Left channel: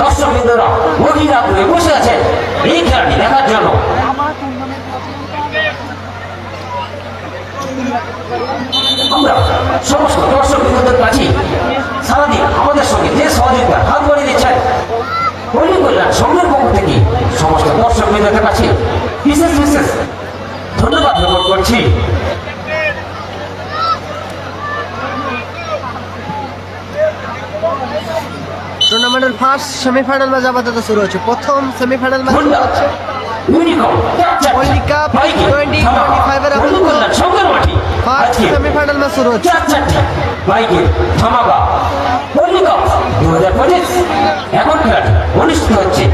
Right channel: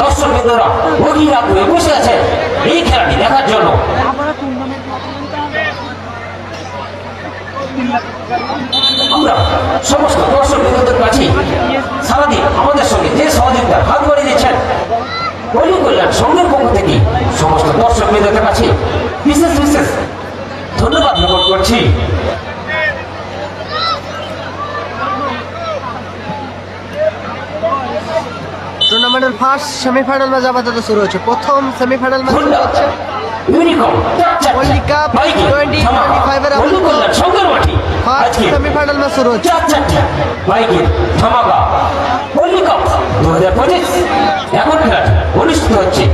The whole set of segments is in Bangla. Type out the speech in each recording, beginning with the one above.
দর্শকবৃন্দরা গভীর আগ্রহে বসে আছেন এই খেলাটি দেখার জন্য। আমরা সমস্ত দর্শকবৃন্দদের কাছে সারাদিন আমাদের সঙ্গে যে সহযোগিতা হাত বাড়িয়ে দিচ্ছেন পল্লী কল্যাণ সংঘের পক্ষ থেকে সমস্ত দর্শকবৃন্দদের কাছে বিশেষ বিশেষ ধন্যবাদ জ্ঞাপন করছি। টুর্নামেন্টের ফার্স্ট সেমিফাইনাল ম্যাচ আপাতত শুরু হচ্ছে। প্রথম সেমিফাইনাল ম্যাচ শুরু হচ্ছে পল্লী কাপ 2025 এর আপাতত ফার্স্ট সেমিফাইনাল ম্যাচ শুরু হচ্ছে। এমন খেলাটি অনুষ্ঠিত হচ্ছে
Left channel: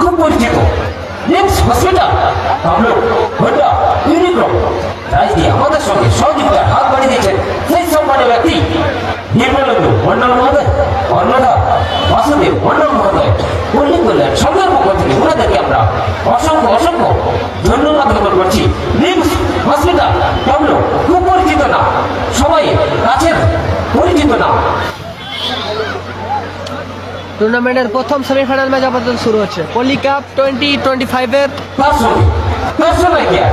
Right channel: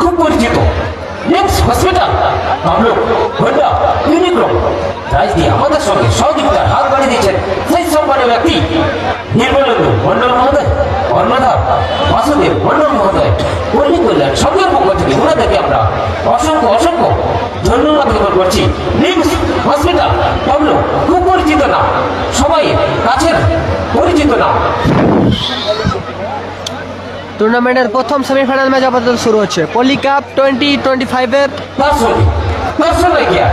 খুব পরিচিত হসপিটাল রাজ দিয়ে আমাদের সঙ্গে সহযোগিতা হাত বাড়িয়ে দিচ্ছেন সেই সম্মানের ব্যক্তি নির্মলেন্দু বর্ণন মহোদয়, অন্নদা বাসুদেব বর্ণন মহোদয়, পল্লী কল্যাণ সংঘের পক্ষ থেকে ওনাদেরকে আমরা অসংখ্য অসংখ্য ধন্যবাদ জ্ঞাপন করছি। হসপিটাল বাবলু খুব পরিচিত না, সবাই কাছের পরিচিত না। টুর্নামেন্টের প্রথম সেমিফাইনাল ম্যাচ আপাতত শুরু হচ্ছে পল্লী কাপ 2025 এর দর্শন নাইকিয়া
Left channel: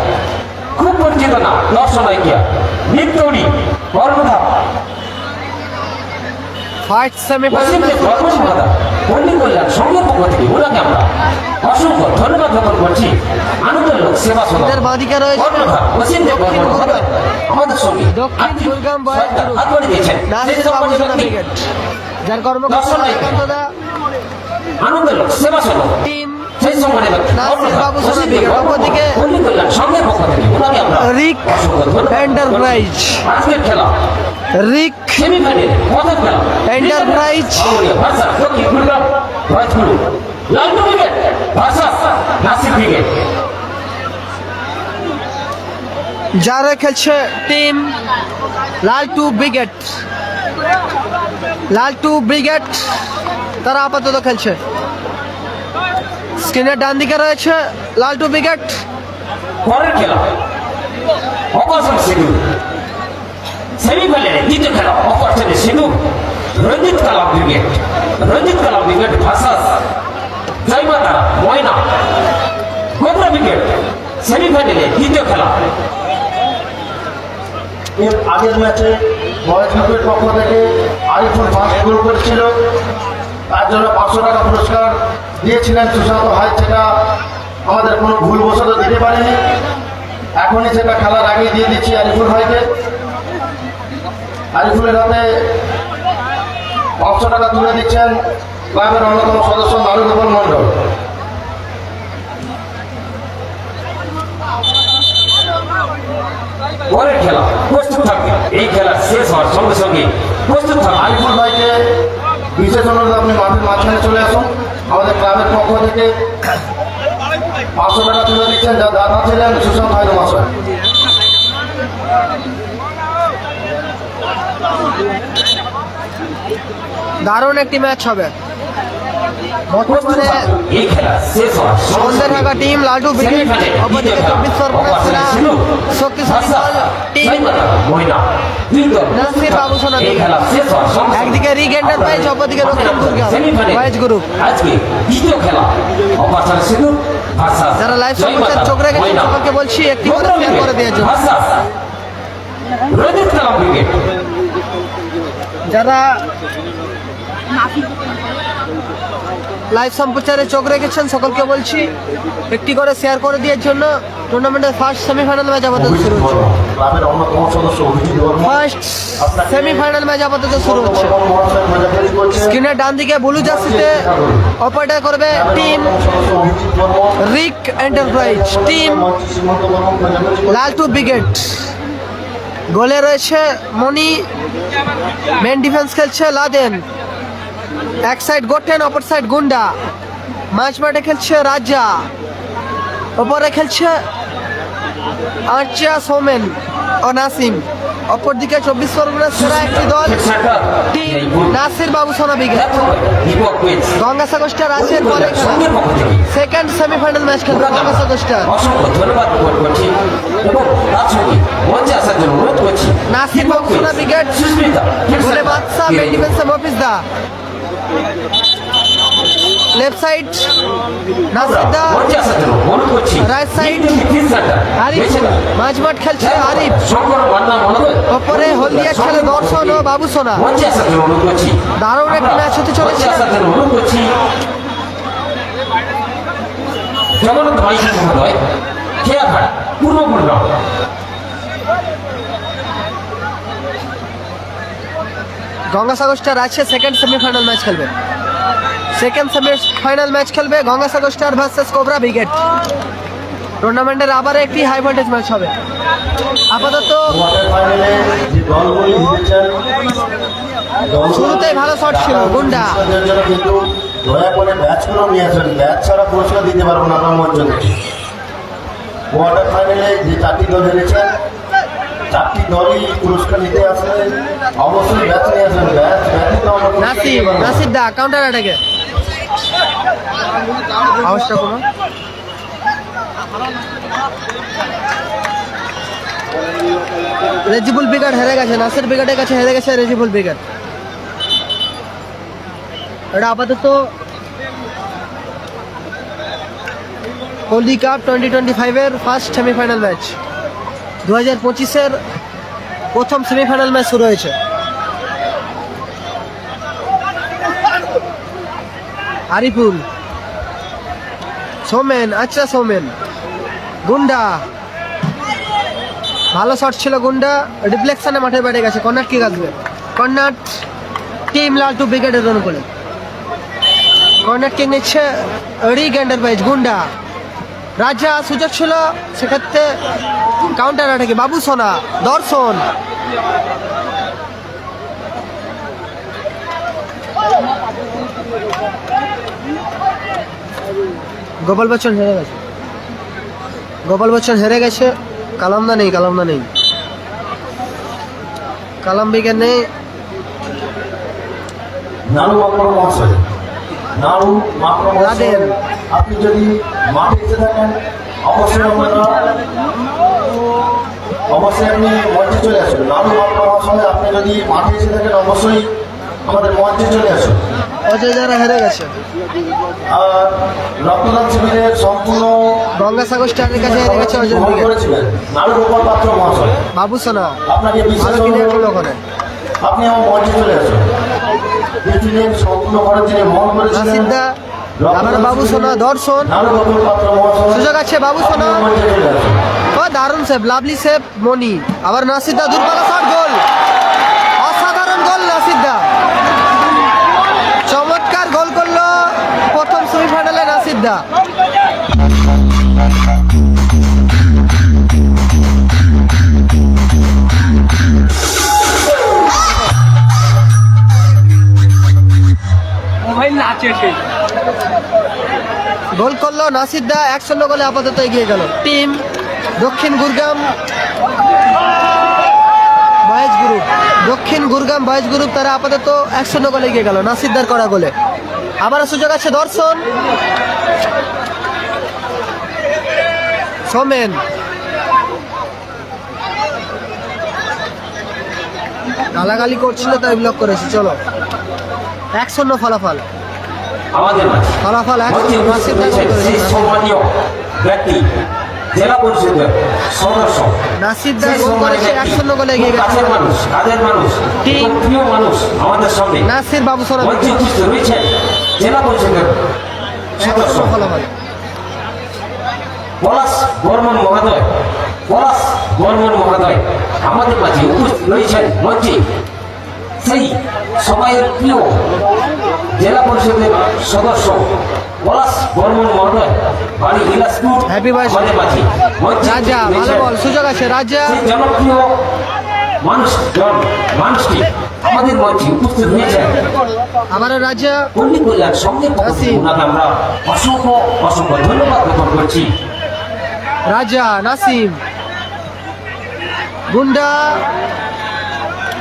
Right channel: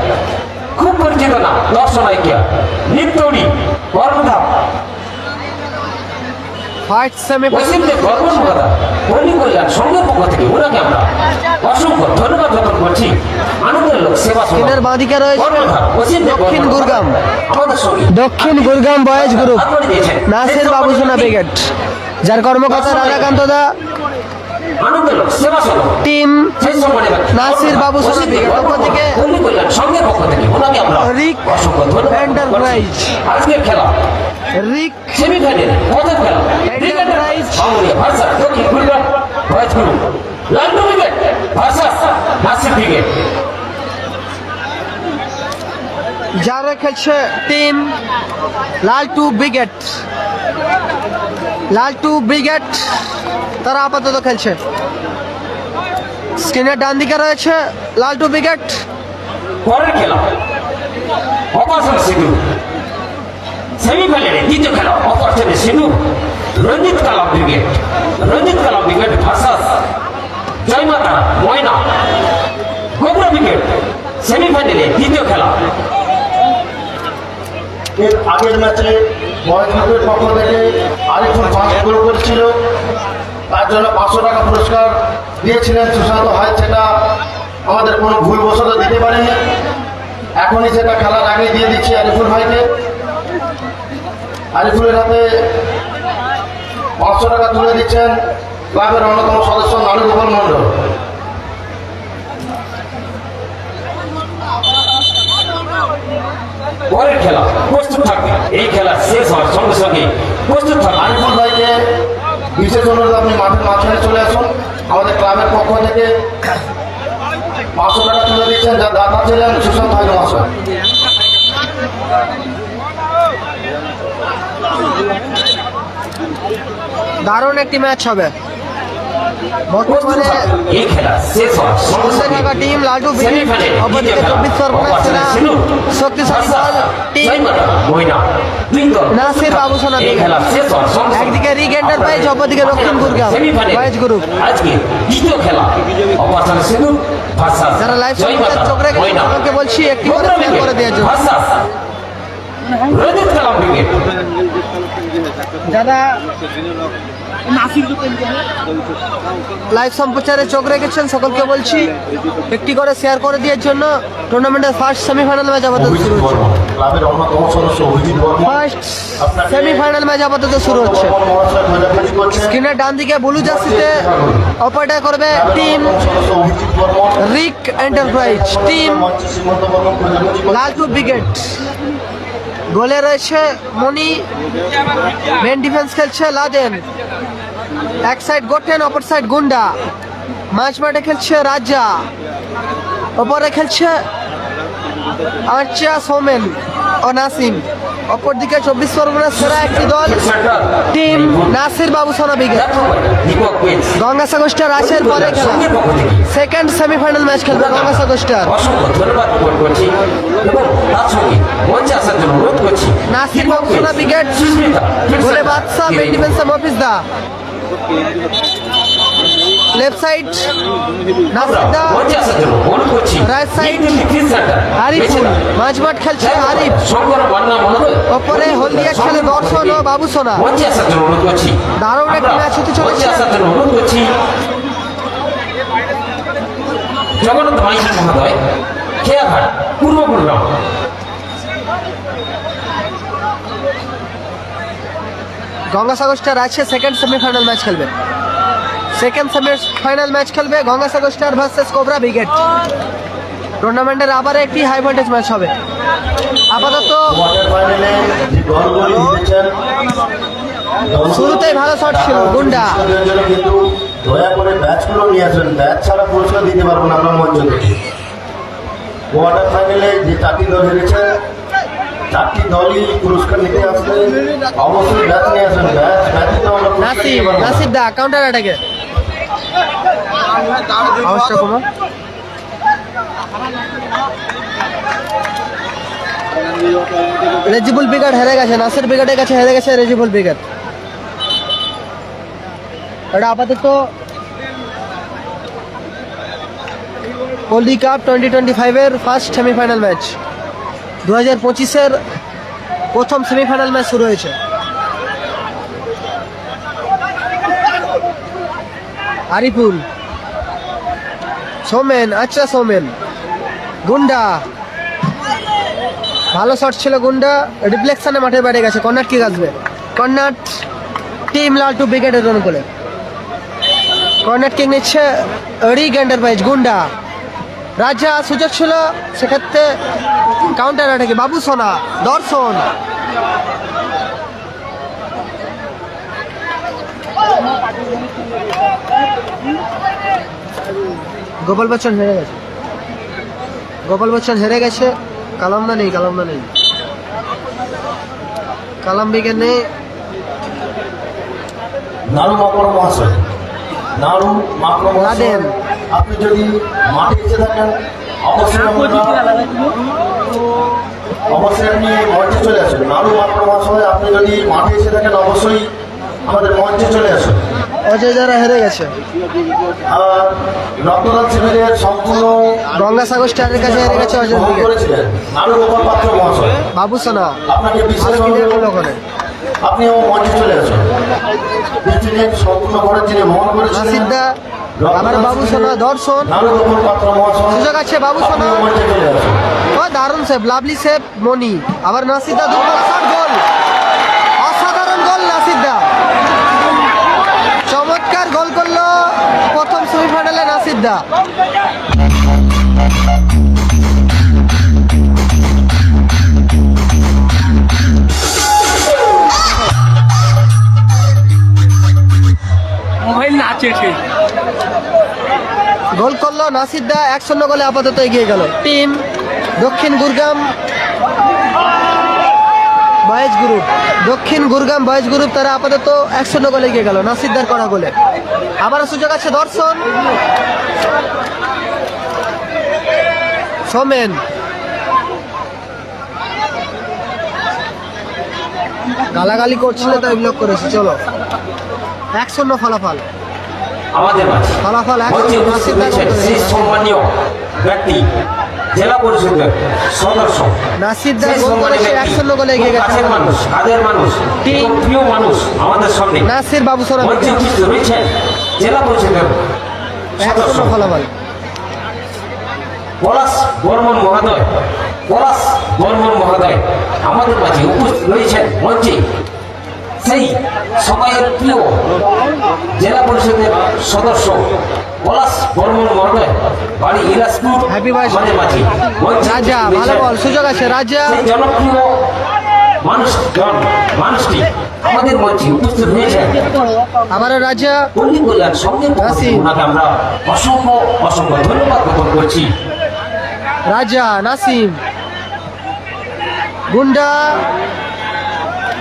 খুব পরিচিত না, দর্শন নাইকিয়া নিত্যরি বর্মধা ফার্স্ট সেমিফাইনাল পল্লী কল্যাণ সংঘের পক্ষ থেকে ওনাকে আমরা অসংখ্য ধন্যবাদ জ্ঞাপন করছি। আনন্দের লোক সেবা এদের বাদিকে রয়েছে দক্ষিণ গুরগাম দক্ষিণ Gurgam boys group Nasir Babusona brigade, যার কর্মকর্তা রমাকান্ত দা, আনন্দের লোক সেবা টিম নাসির বাবুসোনা ব্রিগেড, অপরদিকে পল্লী কল্যাণ সংঘের পক্ষ থেকে ওনাকে আমরা রিক এন্টারপ্রাইজ আজকের খেলা রিক সেমিফাইনাল প্রথম খেলা এন্টারপ্রাইজ ভার্সাস দক্ষিণ গুরগাম বয়েজ গ্রুপ লালটু ব্রিগেড ভার্সাস নাসির ব্রিগেড। যারা খেলছে টিম লালটু ব্রিগেড তারা আপাতত খেলছে। স্ক্রিনের ডান দিকে রয়েছে লালটু ব্রিগেড, পরের খেলা অপারেশন সিধু সেমিফাইনালে দ্বিতীয় খেলা অপারেশন সিধু রঞ্জিত কালাম ব্রিগেড ভার্সাস জয়মাতা ময়না গোবরা ব্রিগেড সেমিফাইনালে দ্বিতীয় খেলা। এর আগের ম্যাচে মহাজীবের পক্ষ থেকে আরেকজন ফার্স্ট গ্রুপের ছিল, তার জন্য 500 টাকা পুরস্কার দিয়েছিলেন সুশান্ত ভাই, সেটা আমাদের কোনো ভুল বশত দিতে পারেনি। এখনই সেটা খেলার আগে দিয়ে দিচ্ছি আরিফুল ভাইকে। আরিফুলের হাতে 500 টাকা তুলে দিচ্ছেন ক্লাবের অন্যতম সদস্য নারুগোপাল মন্ডল। পরের খেলা প্রস্তুত থাকবে, এই খেলা শেষ হওয়ার সঙ্গে সঙ্গে প্রস্তুত থাকবে। আরিফুল ভাইকে বিশেষ অনুরোধ, আপনি মাঠের মাঝখানে চলে আসুন। আমাদের ক্লাবের পক্ষ থেকে 500 টাকা তুলে দিচ্ছেন, যা দাদা ছিলেন সুশান্ত ভাই মহাশয়। দারুণ একটি ম্যাচ হবে। বর্তমানে এই খেলা শেষ হওয়ার সঙ্গে সন্ধ্যে থাকা টিম লালটু ব্রিগেড, অপরদিকে 24 পরগনার সেরা শক্তিশালী দল টিম নাসির বাবুসোনা ব্রিগেড। একদিকে রিক এন্টারপ্রাইজ, অপরদিকে দক্ষিণ গুরগাম বয়েজ গ্রুপ। যারা লাইভ সম্প্রচার চোখ রেখেছেন সকলকে বলছি একটি করে শেয়ার করে দেওয়ার জন্য। যারা লাইভ সম্প্রচারে চোখ রেখেছেন সকলকে বলছি একটি করে শেয়ার করে দেওয়ার জন্য। টুর্নামেন্টের ফার্স্ট সেমিফাইনাল ম্যাচ আপাতত শুরু হচ্ছে। স্ক্রিনের ডান দিকে ব্লু জার্সিতে অপারেটর করবে টিম রিক এন্টারপ্রাইজ, টিম লালটু ব্রিগেড। গোলে রয়েছে মনি, মেন ডিফেন্স খেলছে লাদেন, এক সাইড গোটেন অপর সাইড গুন্ডা, মাঝ মাঠে খেলছে রাজা, ওপরে খেলছে আর্চিয়া সোমেন ও নাসিম, অপরদিকে 24 পরগনার সেরা একটি দল টিম নাসির বাবু সোনা ব্রিগেড। দীপক পেজ গঙ্গাসাগর স্টার আসের পরে সঙ্গের পক্ষ থেকে সেকেন্ড সেমিফাইনাল ম্যাচ খেলবে গঙ্গাসাগর স্টার। অসংখ্য ধন্যবাদ জ্ঞাপন করছি এবং তার সঙ্গে মঞ্চে আসার জন্য অনুরোধ করছি নাসির বাবু সোনা ব্রিগেড গোলে বাদশা মেন্টিভেন্স মফিজ দা। লেফট সাইড নাসির দা, মঞ্চে আসার জন্য অনুরোধ করছি রাইট সাইড আরিফ, মাঝমাঠ খেলছে আরিফ, শঙ্কর মান্না মহোদয় ওপরে হলদিয়া খেলে দর্শন ও বাবু সোনা। মঞ্চে আসার জন্য অনুরোধ করছি দারুণ একটি ম্যাচ হতে চলেছে। মঞ্চে আসার জন্য অনুরোধ করছি জগন্নাথ মাইতি মহোদয় খেয়াঘাট পূর্ব গুরগাঁও। গঙ্গাসাগর স্টার আছে সেকেন্ড সেমিফাইনাল ম্যাচ খেলবে। সেকেন্ড সেমিফাইনাল ম্যাচ খেলবে Gangasagar star versus cobra brigade. টুর্নামেন্টের আবার একটি হাই ভোল্টেজ ম্যাচ হবে। আপাতত শুরুতেই ভালো শট ছিল গুন্ডা। কিন্তু দয়া করে ব্যাচগুলো নিয়ে আসবেন, ব্যাচ ছাড়া পুরস্কার দিতে পারবো না আমরা মঞ্চ থেকে। কোয়ার্টার ফাইনালে যে 4টি দল হেরেছে 4টি দলই পুরস্কার নিতে আসলে অবশ্যই ব্যাচ নিয়ে আসবেন। নাসির দা কাউন্টার অ্যাটাকে আওয়াজটা কমা। রেজিবুল ব্রিগেড হেরে গেছে, নাসির ব্রিগেডের কাছে হেরে গেছে রেজিবুল ব্রিগেড। এটা আপাতত পল্লী কাপ 2025-এর ফার্স্ট সেমিফাইনাল ম্যাচ। 2025-এর প্রথম সেমিফাইনাল ম্যাচ শুরু হয়েছে। আরিফুল, সোমেন, আচ্ছা সোমেন, গুন্ডা ভালো শট ছিল গুন্ডা, রিফ্লেকশনে মাঠের বাইরে গেছে। কর্নার কি আসবে? কর্নার টিম লালটু ব্রিগেডের জন্য করে কর্নার কিং নিচ্ছে রিগ এন্টারপ্রাইজ। গুন্ডা রাজা সুযোগ ছিল, সেক্ষেত্রে কাউন্টার অ্যাটাকে বাবু সোনা, দর্শন গোপাল বচ্চন হেরে গেছে। গোপাল বচ্চন হেরে গেছে। কালামদা নেই, কালামদা নেই, কালাম বিজ্ঞান নেই। নাড়ু মাকড় মহাশয়, নাড়ু মাকড় লাদেন। আপনি যদি মাঠে এসে থাকেন অবশ্যই অবশ্যই আপনি মঞ্চে চলে আসুন। নাড়ু মাকড় মহাশয়, আপনি যদি মাঠে এসে থাকেন অবশ্যই আমাদের মঞ্চে চলে আসুন। অজয় যারা হেরে গেছে। আর রক্তদান শিবিরের সম্পূর্ণ গঙ্গাসাগর স্টারের কাছে হেরে গেছে অজয় ব্রিগেড। করেছিলেন নাড়ু গোপাল পাত্র মহাশয়, বাবু সোনা আপনাকে ভালো ক্লিয়ার করলো ওখানে। আপনি আমার মঞ্চে চলে আসুন। পৃথিবীর সম্পূর্ণ ঘরে যিনি মঙ্গল করেছিলেন নাসির দা, আবার বাবু সোনা, দর্শন নাড়ু গোপাল পাত্র মহাশয়, সুযোগ আছে বাবু সোনা। মঞ্চে চলে আসুন। ও দারুণ সেভ, লাভলি সেভ মনি। আবার নাসির দা দুর্বল শট, গোল, অসাধারণ গোল নাসির দা। চমৎকার গোল করলো প্রথম সেমিফাইনালে নাসির দা। গোল করলো নাসির দা, 1-0 গোলে আপাতত এগিয়ে গেল team Dakshin Gurgam boys group. দক্ষিণ গুরগাম বয়েজ গ্রুপ তারা আপাতত 1-0 গোলে এগিয়ে গেল নাসির দার করা গোলে। আবারও সুযোগ আছে দর্শন, সোমেন, গালাগালি করছিল তাই ব্লক করেছে। চলো 1-0 ফলাফল, আমাদের মাঝে ফলাফল 1-0 নাসির দা গোল করেছে। সম্মানীয় ব্যক্তি জেলা পরিষদের সদস্য নাসির দা গোল করেছে, 1-0 গোলে এগিয়ে গেছে কাছের মানুষ, কাজের মানুষ, প্রিয় মানুষ আমাদের সঙ্গে নাসির বাবু সোনা। মঞ্চে উপস্থিত রয়েছেন জেলা পরিষদের সদস্য 1-0 ফলাফল। পলাশ বর্মন মহোদয়, পলাশ বর্মন মহোদয় আমাদের মাঝে উপস্থিত রয়েছেন মঞ্চে। সেই সময়ের প্রিয় জেলা পরিষদের সদস্য পলাশ বর্মন মহোদয় বাড়ি ইলাসপুর। হ্যাপি বার্থডে রাজা, ভালো বল, সুযোগ আছে রাজা। সেই জনপ্রিয় মানুষটি আমাদের মঞ্চে উপস্থিত হয়েছেন। আবারও রাজা, পল্লী কল্যাণ সঙ্গের পক্ষ থেকে ওনাকে আমরা অসংখ্য অসংখ্য ধন্যবাদ জ্ঞাপন করছি। রাজা, নাসিম, গুন্ডা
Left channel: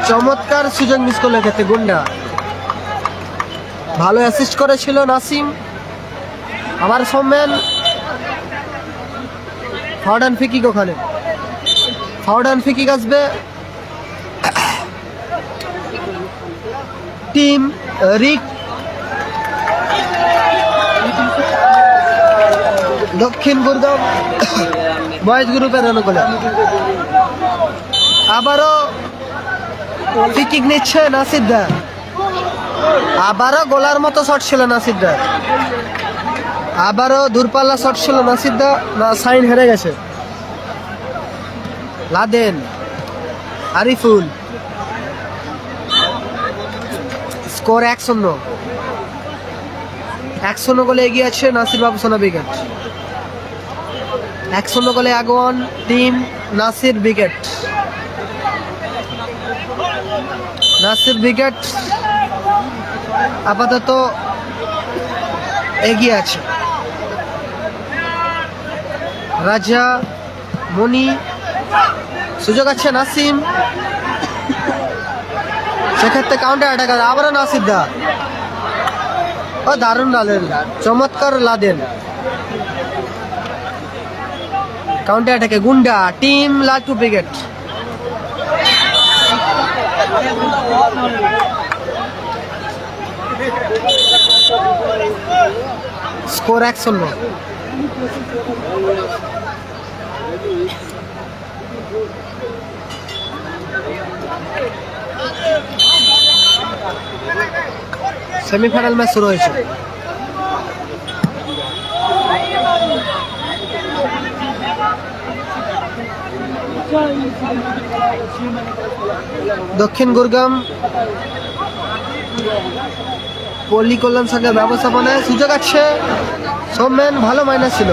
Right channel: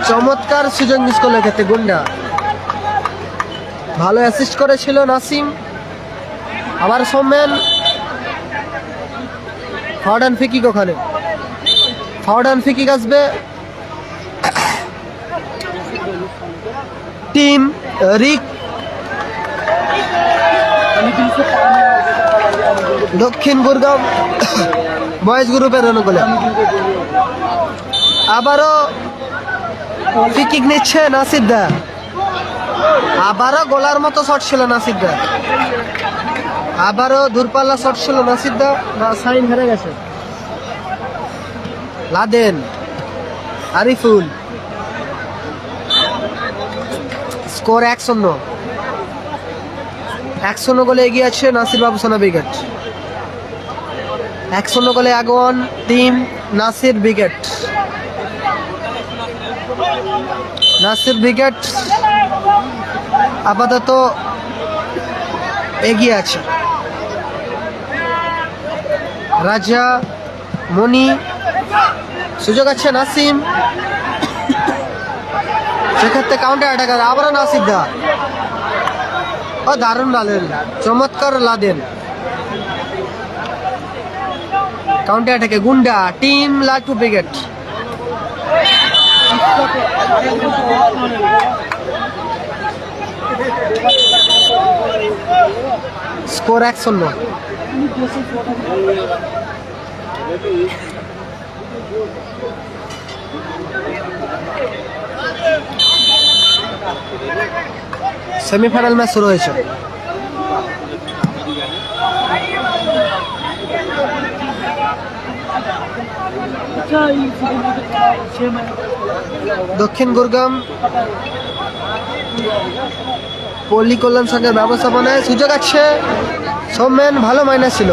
চমৎকার সুযোগ মিস করলো ক্ষেত্রে গুন্ডা। ভালো অ্যাসিস্ট করেছিল নাসিম। আবার সৌমেন, ফাউডান ফিকিক, ওখানে ফাউডান ফিকিক আসবে। টিম রিক দক্ষিণ গুরগাঁও বয়েজ গ্রুপের অনুকূলে আবারও ফিকিক নিচ্ছে নাসিরদা। আবারও গোলার মতো শট ছিল নাসিরদা, আবারও দূরপাল্লা শট ছিল নাসিরদা। সাইন হেরে গেছে। Laden, Ariful, score 1-0। 1-0 গোলে এগিয়ে আছে নাসির বাবু সোনা ব্রিগেড। 1-0 গোলে আগোয়ান team Nasir brigade. Nasir brigade আপাতত এগিয়ে আছে। রাজা, মনি, সুযোগ আছে নাসিম, সেক্ষেত্রে কাউন্টার অ্যাটাক। আবারও নাসির দা, ও দারুণ লাদেন, চমৎকার লাদেন। কাউন্টার অ্যাটাকে গুন্ডা টিম লালটু ব্রিগেড। স্কোর 1-0। সেমিফাইনাল ম্যাচ শুরু হয়েছে। দক্ষিণ গুরগাম পল্লী কল্যাণ সংঘের ব্যবস্থাপনায় সুযোগ আছে। সৌমেন ভালো মাইনাস ছিল।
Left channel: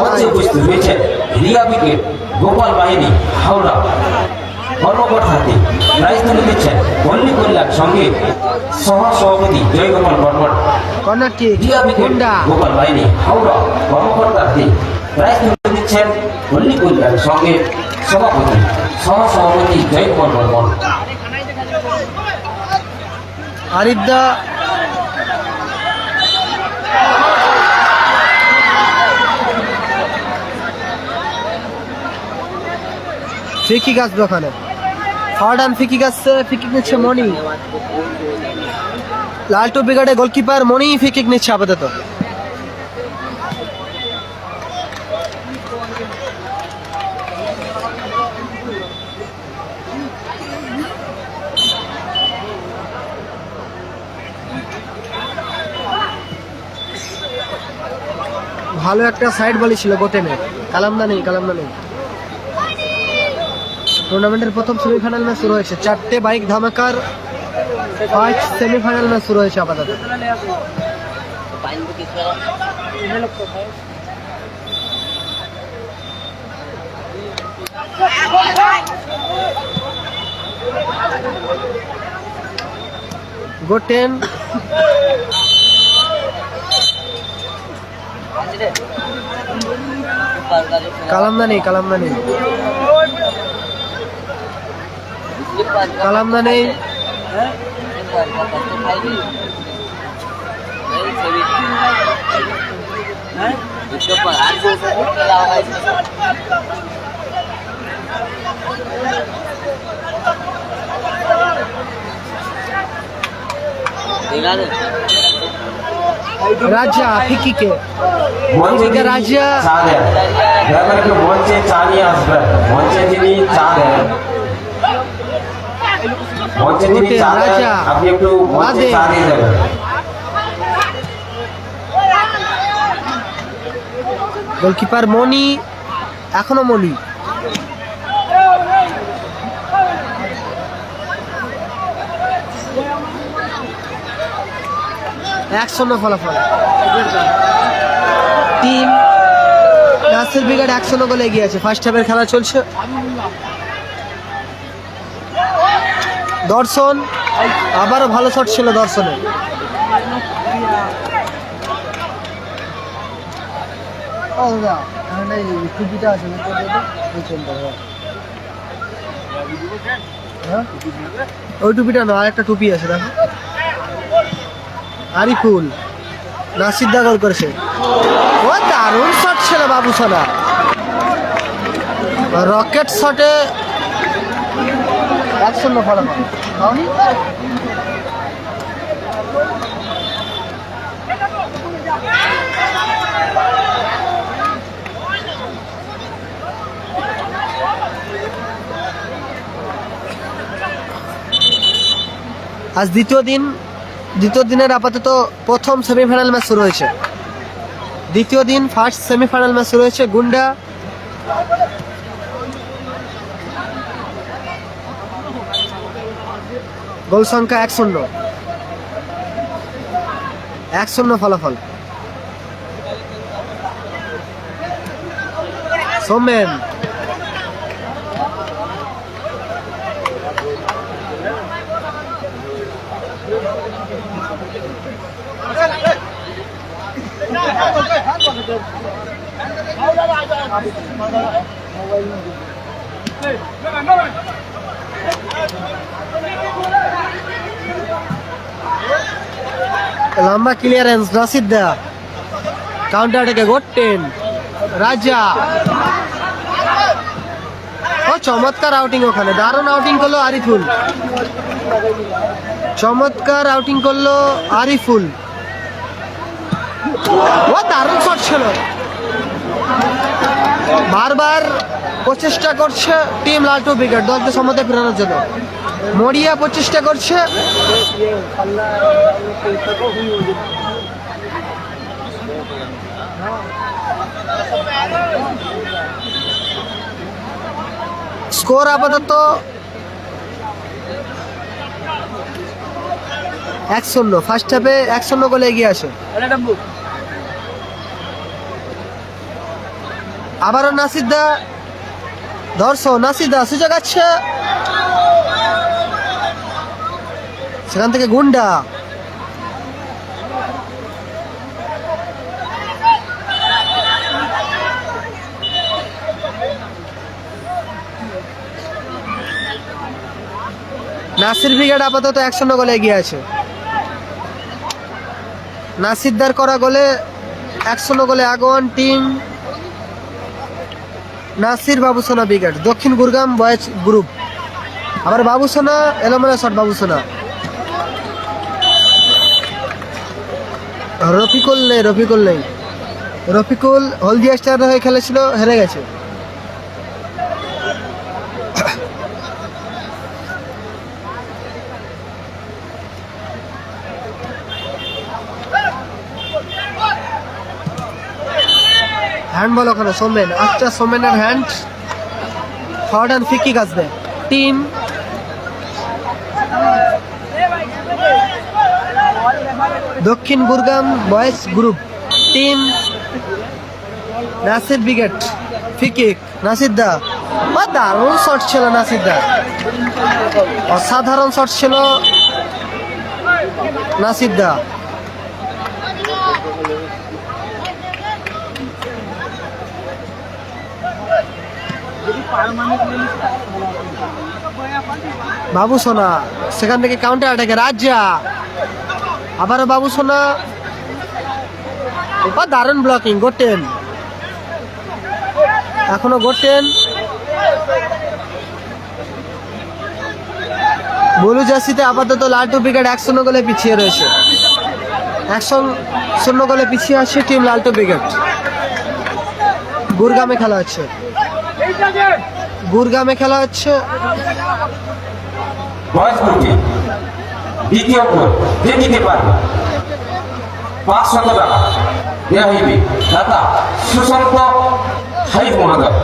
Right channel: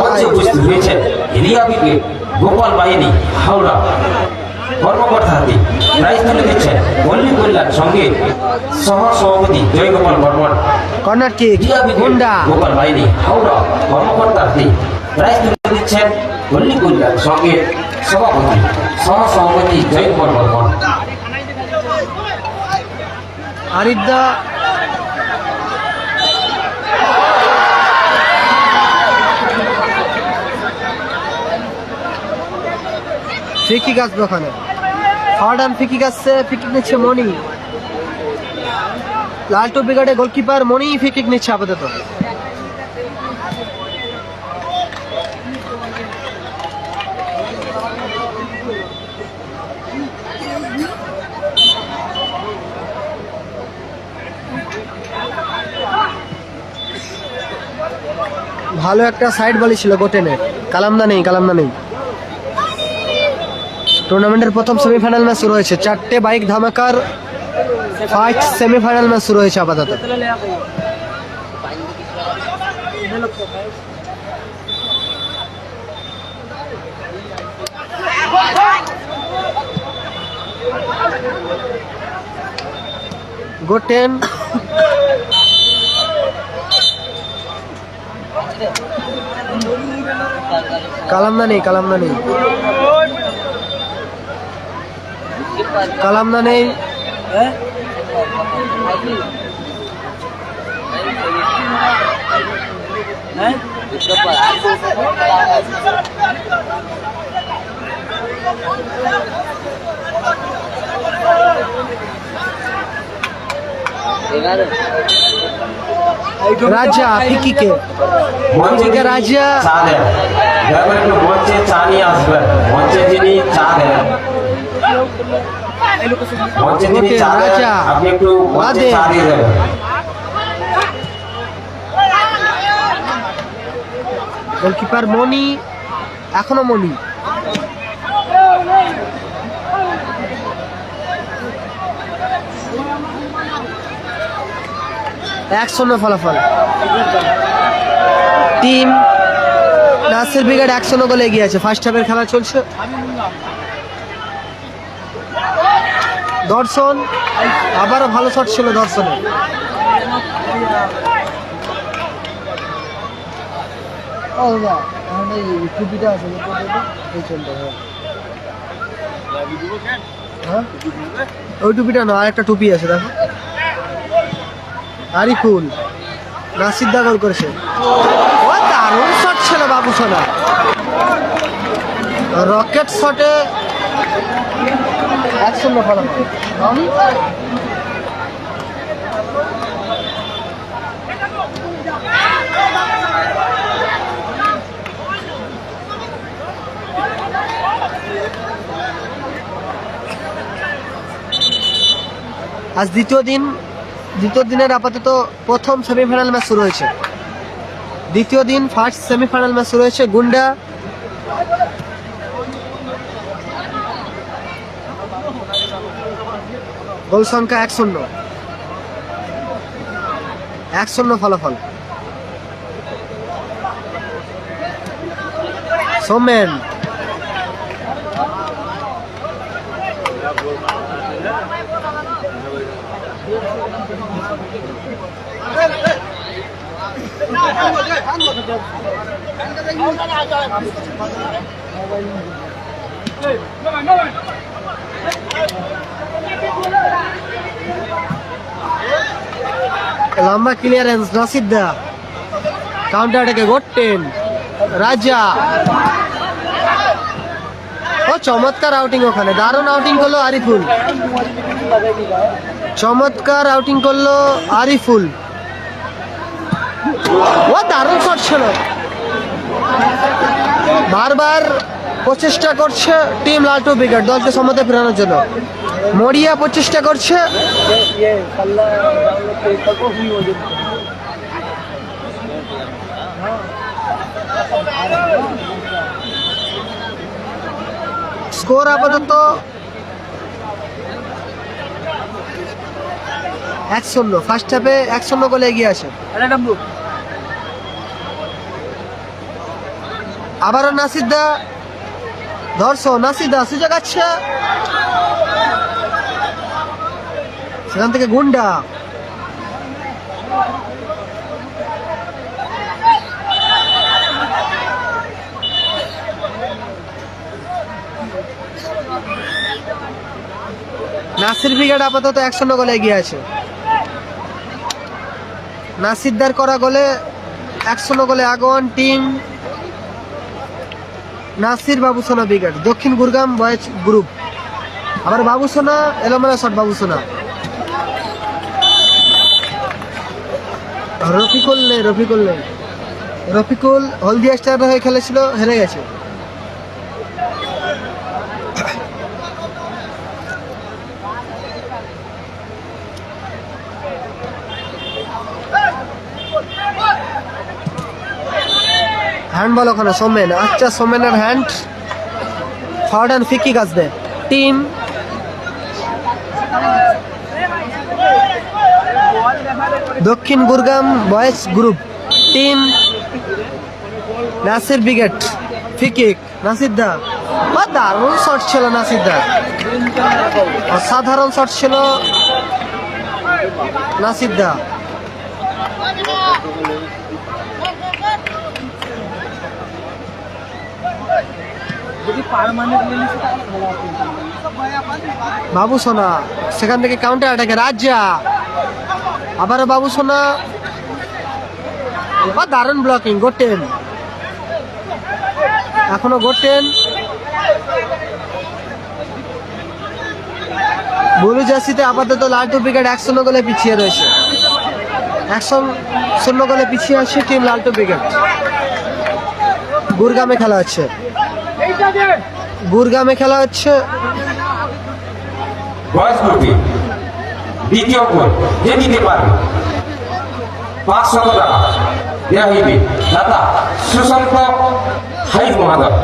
উপস্থিত হয়েছেন রিয়া ব্রিগেড, গোপাল বাহিনী, হাওড়া। কর্মকর্তাতে দায়িত্ব দিচ্ছেন পল্লী কল্যাণ সংঘের সহ সভাপতি Joygopal Barman. Corner kick, Riya brigade, গুন্ডা, গোপাল বাহিনী, হাওড়া। কর্মকর্তাতে দায়িত্ব দিচ্ছেন পল্লী কল্যাণ সংঘের সভাপতি সহ সভাপতি জয়গোপাল বর্মন। আরিফদা, ফিকিক আসবে ওখানে। ফারদান ফিকিক আসছে, ফিকিক নিচ্ছে মনি। লালটু ব্রিগেডের গোলকিপার মনি ফিকিক নিচ্ছে আপাতত। ভালো একটা সাইড বলই ছিল গোটেনের। কালামদা নেই। টুর্নামেন্টের প্রথম সেমিফাইনাল ম্যাচ শুরু হয়েছে। 4টে বাইক ধামাকার ফার্স্ট সেমিফাইনাল ম্যাচ শুরু হয়েছে আপাতত। গোটেন কালামদা নেই। রাজা ফিকিকে রাজা মঞ্চে চা নিয়ে আসবেন। মঞ্চে যিনি চা দেন, মঞ্চে যিনি চা দেন, রাজা আপনি একটু মঞ্চে চা দিয়ে দেবেন। গোলকিপার মনি, এখনো মনি। একশো ফলাফল। টিম নাসির ব্রিগেড 100 গোলে এগিয়ে আছে। ফার্স্ট হাফের খেলা চলছে। দর্শন, আবারও ভালো শট ছিল দর্শনের। ও দাদা টুপিটা আছে, এই চলতে হ্যাঁ ওই টুপিটা না, আরেকটা টুপি আছে দেখো। আরিফুল নাসির দা গোল করেছে। ও দারুণ শট ছিল বাবুসোনা, রকেট শটে 1-0 ফলাফল। আজ দ্বিতীয় দিনের আপাতত প্রথম সেমিফাইনাল ম্যাচ শুরু হয়েছে। দ্বিতীয় দিন ফার্স্ট সেমিফাইনাল ম্যাচ শুরু হয়েছে। গুন্ডা গোল সংখ্যা 1-0 ফলাফল। সোমেন লম্বা ক্লিয়ারেন্স, নাসির দা কাউন্টার অ্যাটাকে গোটেন রাজা। ও চমৎকার আউটিং, ওখানে দারুণ আউটিং করলো আরিফুল, চমৎকার আউটিং করলো আরিফুল। ও দারুণ শট ছিল, বারবার প্রচেষ্টা করছে টিম লালটু ব্রিগেড দলকে সমতে ফেরানোর জন্য। মরিয়া প্রচেষ্টা করছে, স্কোর আপাতত 1-0। ফার্স্ট হাফে 1-0 গোলে এগিয়ে আছে। আবারও নাসির দা নাসির দা সুযোগ আছে, সেখান থেকে গুন্ডা নাসির ব্রিগেড আপাতত 1-0 গোলে এগিয়ে আছে। নাসিরদার করা গোলে 1-0 গোলে আগোয়ান team Nasir Babusona brigade, Dakshin Gurgam boys group. আবার বাবুসোনা এলোমেলা শট, বাবুসোনা রফিকুল হলদিয়া স্টার হয়ে খেলেছিল, হেরে গেছে। হ্যান্ডবল ওখানে সোমেন, আচ্ছা সোমেনের hand, short and free kick আসবে team Dakshin Gurgam boys group, team Nasir brigade. Free kick Nasir দা, দারুণ শট ছিল নাসির দা, অসাধারণ শট ছিল নাসির দা। বাবুসোনা সেখান থেকে কাউন্টার অ্যাটাকে রাজা, আবারও বাবুসোনা, দারুণ ব্লকিং গোটেন, এখনো গোটেন। বুলু জার্সিতে আপাতত লালটু ব্রিগেড 1-0 গোলে পিছিয়ে রয়েছে। 1-0 গোলে পিছিয়ে আসছে টিম লালটু ব্রিগেড। গুরগামে খেলা হচ্ছে, বয়স গ্রুপে দ্বিতীয় গোল যে দিতে পারবে 500 টাকা দেওয়া হইবে দাতা সুশান্ত হাইফ মহাদয়।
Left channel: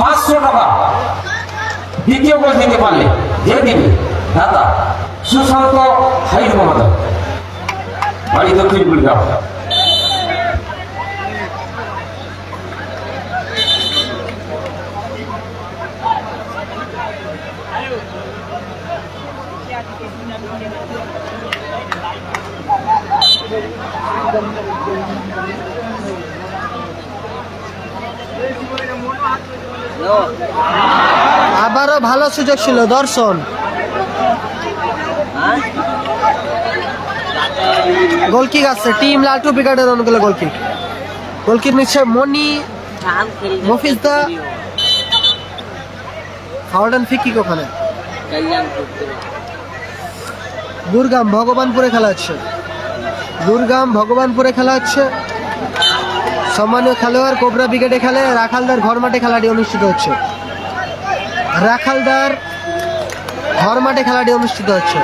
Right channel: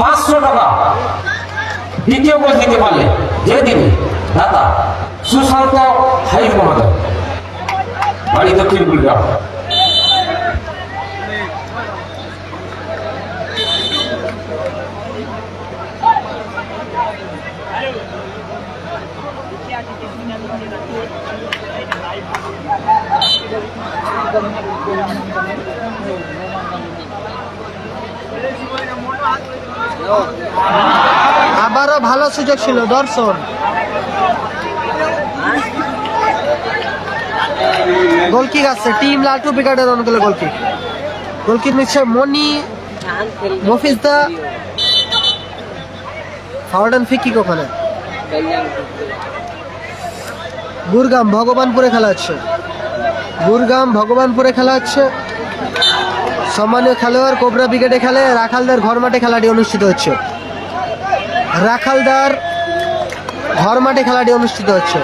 500 টাকা দ্বিতীয় গোল দিতে পারলে যে দিবে দাতা সুশান্ত হাইফ মহাদয়, বাড়ি দক্ষিণ গুরগাঁও। আবারও ভালো সুযোগ ছিল দর্শন। গোলকিক আছে টিম লালটু ব্রিগেডের অনুকূলে গোলকিক। গোলকিক নিচ্ছে মনি মফিজদা। ফাউডান ফিকিক ওখানে। গুরগাম ভগবানপুরে খেলা হচ্ছে। গুরগাম ভগবানপুরে খেলা হচ্ছে। সম্মানীয় খেলোয়াড় কোবরা ব্রিগেডে খেলে। রাখালদার ঘর মাঠে খেলাটি অনুষ্ঠিত হচ্ছে। রাখালদার ঘর মাঠে খেলাটি অনুষ্ঠিত হচ্ছে।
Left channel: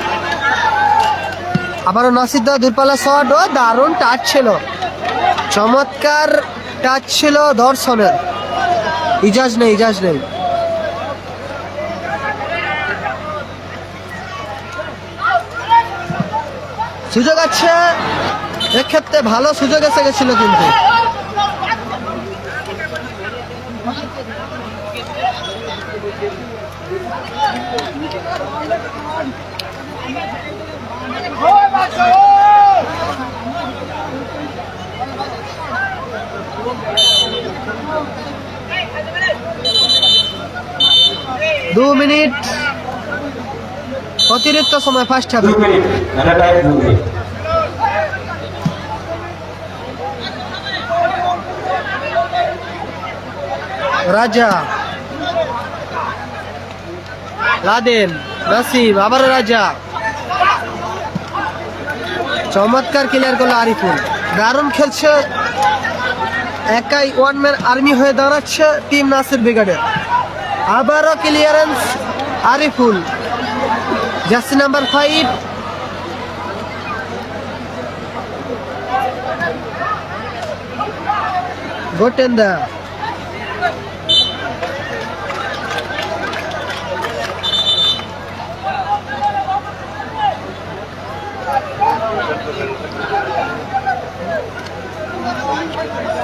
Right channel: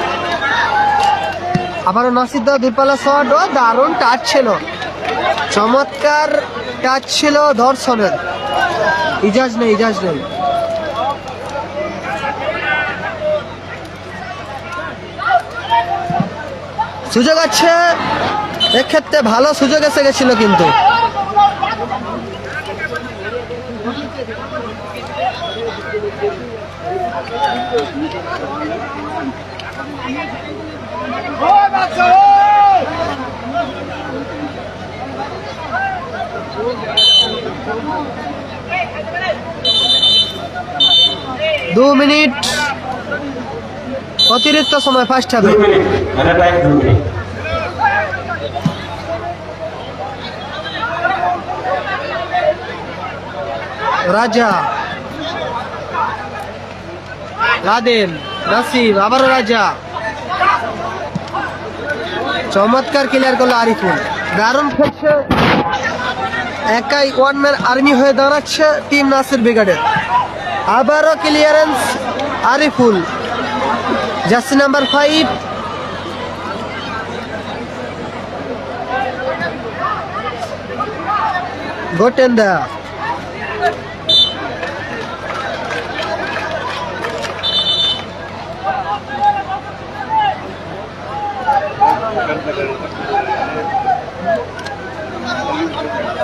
আবারও নসিদ্দা দূরপাল্লা শট। ও দারুণ টাচ ছিল, চমৎকার টাচ ছিল দর্শনের। ইজাজ নেই, ইজাজ নেই। সুযোগ আছে, এক্ষেত্রে ভালো সুযোগ এসে গেছিল কিন্তু দু মিনিট অতিরিক্ত সময় ফার্স্ট হাফে। রাজা, লাদেন, নাসিম, আবারও রাজা। চমৎকার ক্লিয়ার করলো আরিফুল। দারুণ খেলছে, একাই ওয়ান ম্যান আর্মি হয়ে দাঁড়াচ্ছে টিম নাসির ব্রিগেডের। আবারও ক্লিয়ারেন্স আরিফুল, জার্সি নাম্বার 5। গোটেন্দা,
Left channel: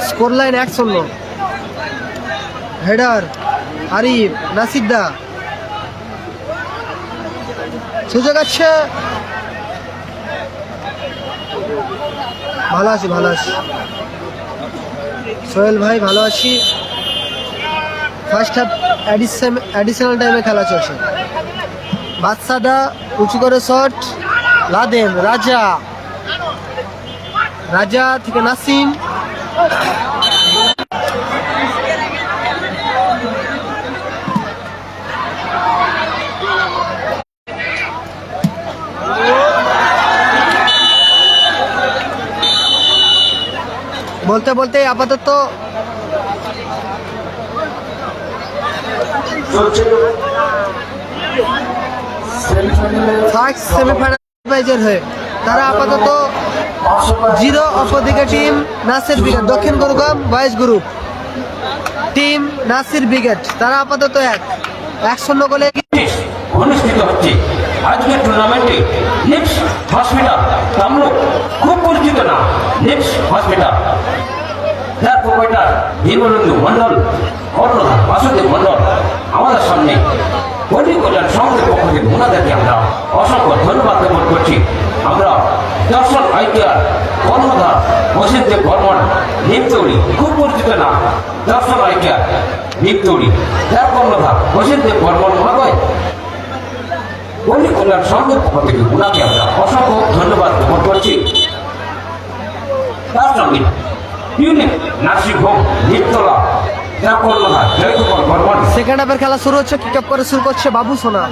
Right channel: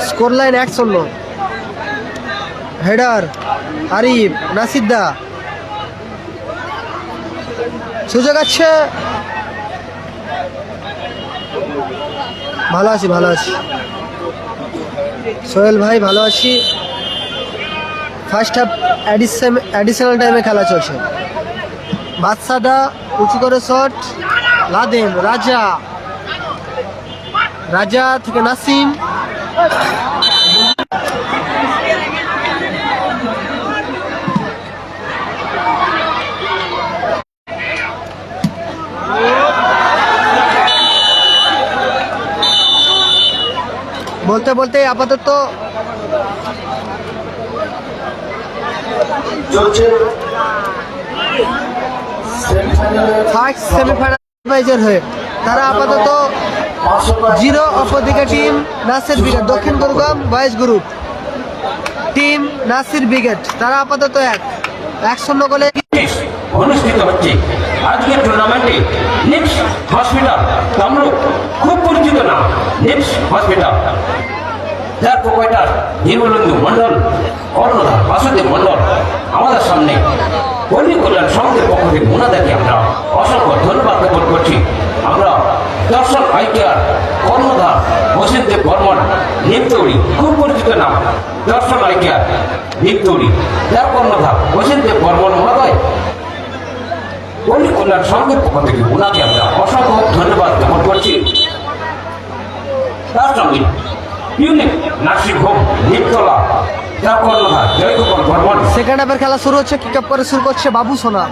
স্কোর লাইন 1-0। হেডার আরিফ, নাসিদ্দা। সুযোগ আছে, ভালো আছি, ভালো আছি সোহেল ভাই, ভালো আছি। ফার্স্ট হাফ অ্যাডিশনাল টাইমে খেলা চলছে। বাদশাদা উঁচু করে শট। লাদেন, রাজা, রাজা থেকে নাসিম। বলতে বলতে আপাতত ফার্স্ট সেমিফাইনাল হয়ে তারা আপাতত 0 অপরদিকে team Nasir brigade. Dakshin Gurgam boys group team Nasir brigade তারা আপাতত 1-0 গোলে অনুষ্ঠিত হচ্ছে আজকের টুর্নামেন্টে। নেক্সট হসপিটাল কামরূপ, খুব পরিচিত না নেক্সট হসপিটাল। তার প্রোপাইটার জীবনবন্ধু মন্ডল, কর্ণধার বাসুদেব মন্ডল আমাদের সামনে কর্মী কল্যাণ সংঘের পক্ষ থেকে ওনাদেরকে আমরা অসংখ্য ধন্যবাদ জ্ঞাপন করছি। আমরা দর্শন আইকেয়ার কর্ণধার বসিরদেব বর্মন নিমতৌড়ি, খুব পরিচিত না দর্শন আইকেয়ার নিমতৌড়ি, যার কর্ণধার বসিরদেব বর্মন মহোদয় কর্মী কল্যাণ সংঘের পক্ষ থেকে ওনাকে আমরা অসংখ্য ধন্যবাদ জ্ঞাপন করছি। তার সঙ্গে ইউনিক নার্সিং হোম নিমতলা, যার কর্ণধার জয়কুমার বর্মন। সেকেন্ড হাফের খেলা শুরু হচ্ছে। কিক আপ করে শুরু করছে বাবু সোনা।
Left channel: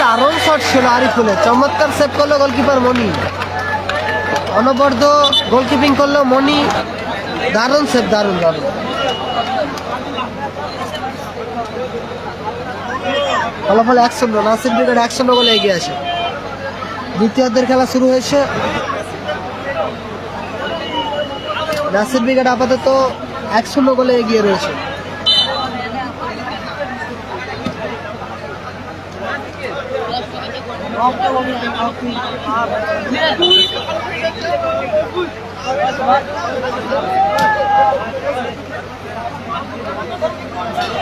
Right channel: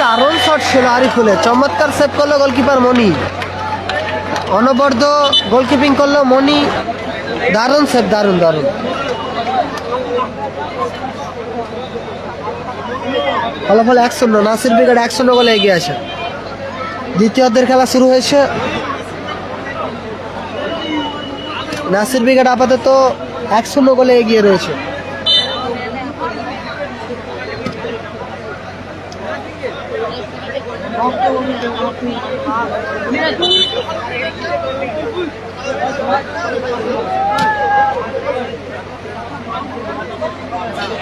দারুণ শট ছিল আরিফুলের, চমৎকার সেভ করলো গোলকিপার মনি। অনবদ্য গোলকিপিং করলো মনি, দারুণ সেভ, দারুণ দারুণ। ফলাফল 1-0, নাসির ব্রিগেড 1-0 গোলে এগিয়ে আছে। দ্বিতীয়ার্ধের খেলা শুরু হয়েছে। নাসির ব্রিগেড আপাতত 1-0 গোলে এগিয়ে রয়েছে।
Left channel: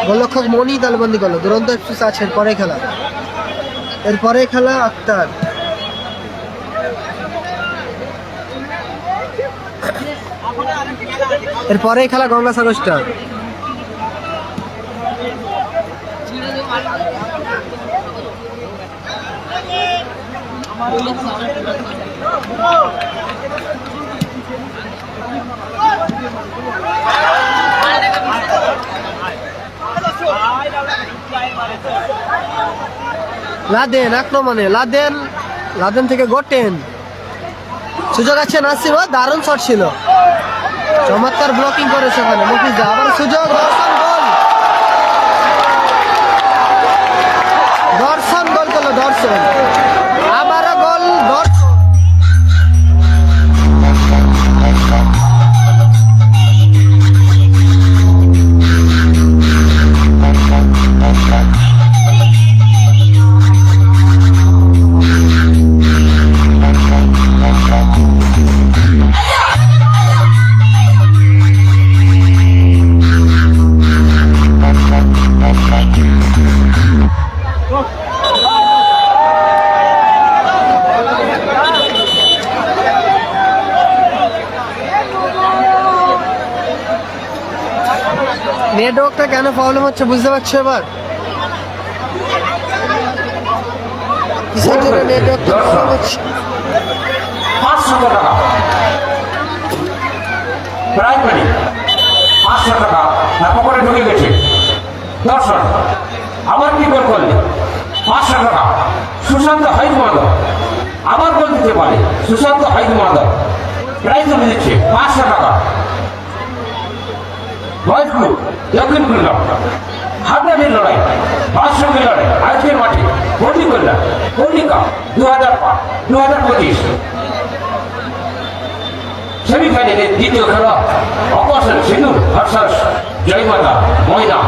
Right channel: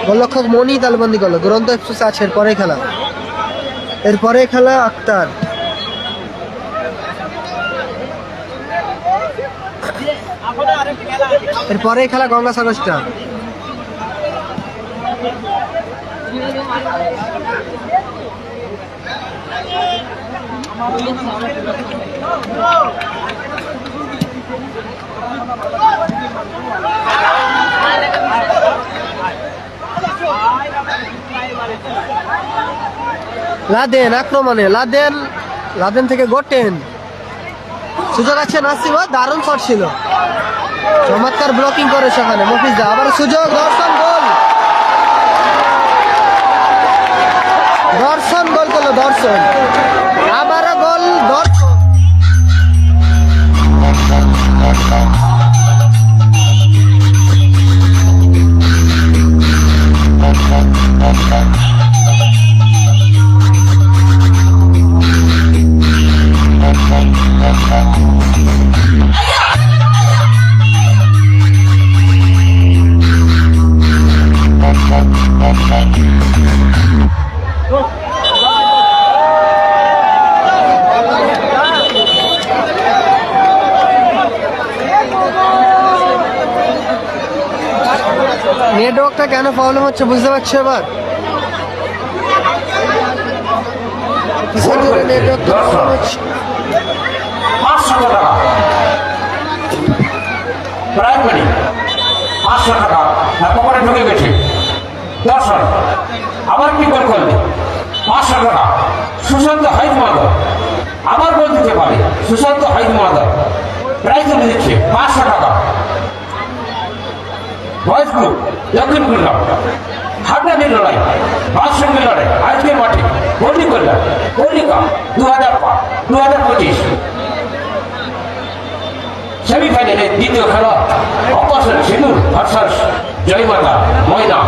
গোলরক্ষক মনি তালবন্দি করলো। দুরন্ত এক্সপ্রেস আছে এরপরে খেলা আক্তার। এরপরেই খেলা গঙ্গাসাগর স্টার। লাদেন আক্রমণে, লাদেন থেকে গোটেন, সুযোগ আছে নাসিব, দারুণ শট ছিল, চমৎকার ব্লকিং করেছে ওখানে মফিজা। আবার সুযোগ, দর্শন গোল করলো, দর্শন আবারও গোল, দর্শন। নেটওয়ার্কটা কেন প্রবলেম হচ্ছে বুঝতে পারছো এবার? কিসের জন্য নেটওয়ার্কটা প্রবলেম হচ্ছে? 500 টাকা প্রাইজ মানি, 500 টাকা পকেটে ঢুকে গেছে। 10 রান আবার কি গোল করলে 500 টাকা সুশান্ত হাইদ মাদক আবার গোল দিতে পারে। সুশান্ত হাইদ মাদক প্রাইজ মানি দিচ্ছে 500 টাকা। বয়স গ্রুপ দক্ষিণ খুলনা হাবড়াদের লড়াই, 500 লড়াই আজকে মাঠে পল্লিকা 2025 সেমিফাইনালে দ্বিতীয় খেলা অবসর সিন্ধু ভার্সাস জয়মাতা ময়দান,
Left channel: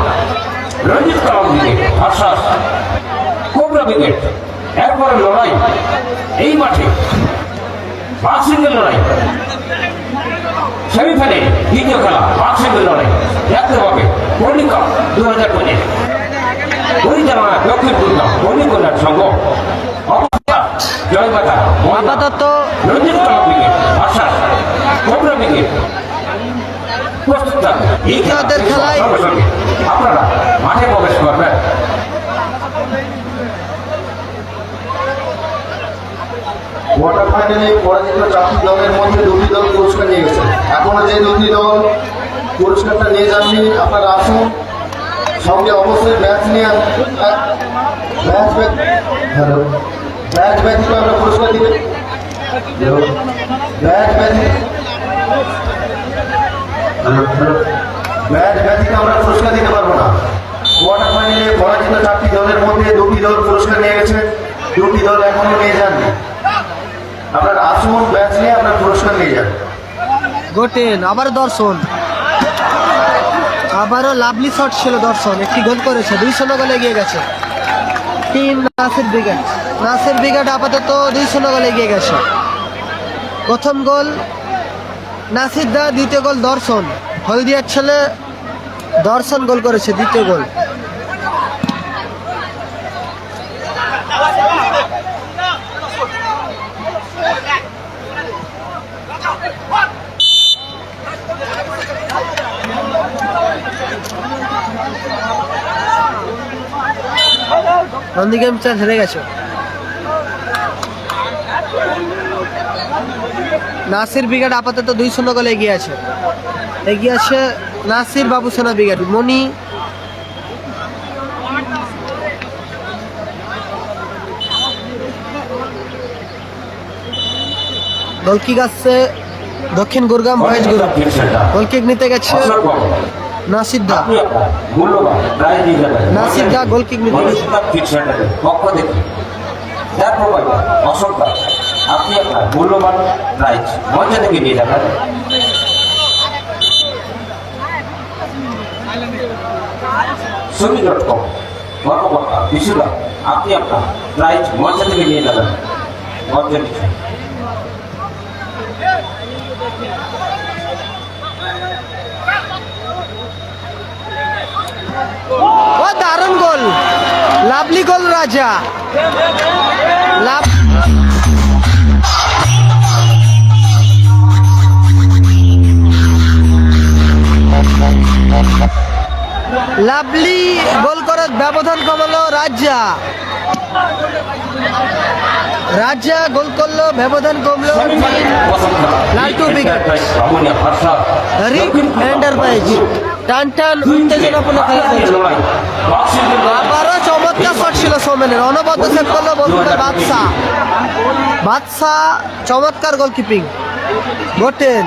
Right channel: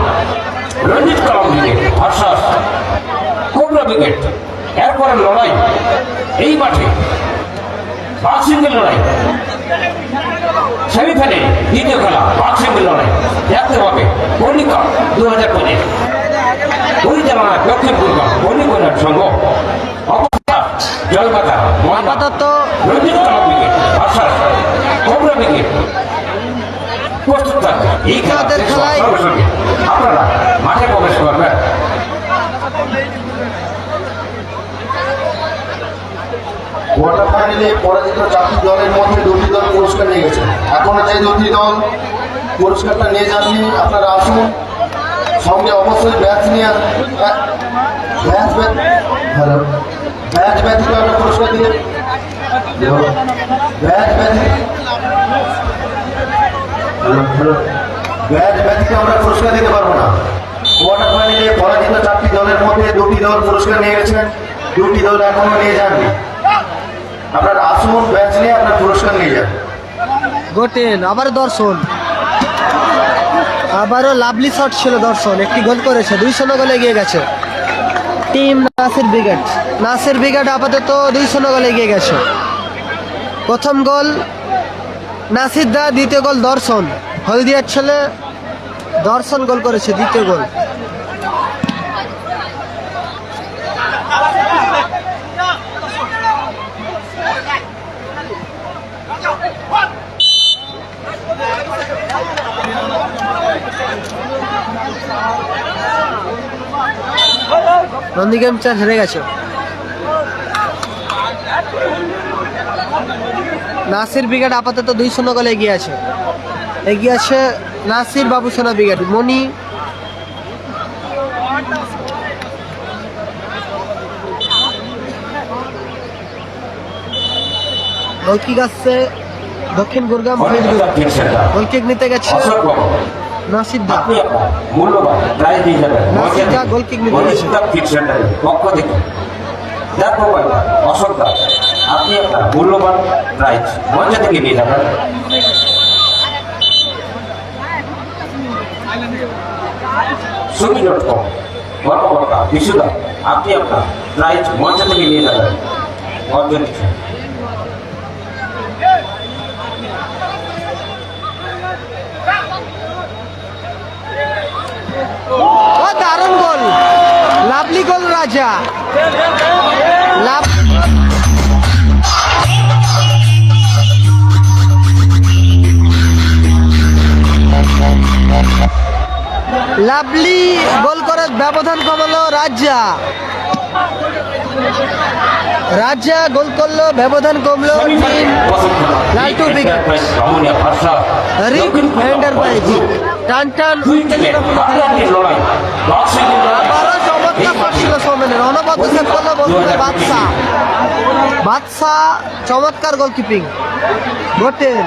রঞ্জিত কালাম ব্রিগেড ভার্সাস কোবরা ব্রিগেড। এরপরে লড়াই এই মাঠে বাক্সিংয়ের লড়াই, সেমিফাইনালে দ্বিতীয় খেলা বাক্সিংয়ের লড়াই দেখতে হবে পল্লিকা 2025 পরিচালনা দক্ষিণ খুলনা পল্লিকলার সংঘ জয়মাতা আপাতত রঞ্জিত কালাম ব্রিগেড ভার্সাস কোবরা ব্রিগেড। প্রস্তুত থাকবে এই আমাদের খেলায় আপনারা মাঠে প্রবেশ করবেন। কোয়ার্টার ফাইনালে পরাজিত 4টি দলের মধ্যে 2টি দল পুরস্কার নিয়ে গেছে। এখনো যে 2টি দল পুরস্কারটা নিয়ে যাননি, আপনারা আসুন, সঙ্গে অবশ্যই ব্যাচ নিয়ে ব্যাচ ব্যতীত আমরা পুরস্কার দিতে ব্যাচ ব্যতীত আমরা পুরস্কার দিতে পারবো না। কোয়ার্টার ফাইনালে পরাজিত 4টি দলের মধ্যে 2টি দল পুরস্কার নিয়ে গেছেন, 2টি দল এখনো নিয়ে যাননি। আপনারা আসুন, ব্যাচ নিয়ে আপনার পুরস্কার নিয়ে যান। গোটেন, আবার দর্শন, আবারও লাভলি শট ছিল দর্শন, একটি গোল করেছে, 2-0 গোলে এগিয়ে গেছে টিম নাসির ব্রিগেড আপাতত 2-0 গোলে এগিয়ে গেছে। প্রথম গোল নাসির দা, দ্বিতীয় গোল দর্শন, হলদিয়ার ছেলে দর্শন গোল করেছে দ্বিতীয় গোল। নন্দীগ্রাম চার হেরে গেছে। নাসির ব্রিগেড আপাতত 2-0 গোলে এগিয়ে আছে নাসির বাবুসোনা ব্রিগেড। মনি গোলকিক আসছে দক্ষিণ গুরগাম বয়েজ গ্রুপ, গোলকিক নিতে গেছে নাসির দা গোলকিক নিতে গেছে। অশোক দা আপনি আপনার মূল্যবান প্রাইজ মঞ্চ থেকে নিয়ে যাবেন। সুমি.com কর্মকর্তা বিশুদা আপনি আপনার প্রাইজ মঞ্চ থেকে নিয়ে যাবেন। ও দারুণ গোল, লাভলি গোল রাজা, লাভ লাভলি গোল করে ব্যবধান কমালো রাজা। রাজা গোল করলো, ব্যবধান কমলো। লালটু উইকেট। রিক এন্টারপ্রাইজ টান টান আবারও চমৎকার শট ছিল সৌমেনের। অনবদ্য সেট করলো বন্ধুরা বাদশা। বাদশা চমৎকার গোলকিপিং বটেন।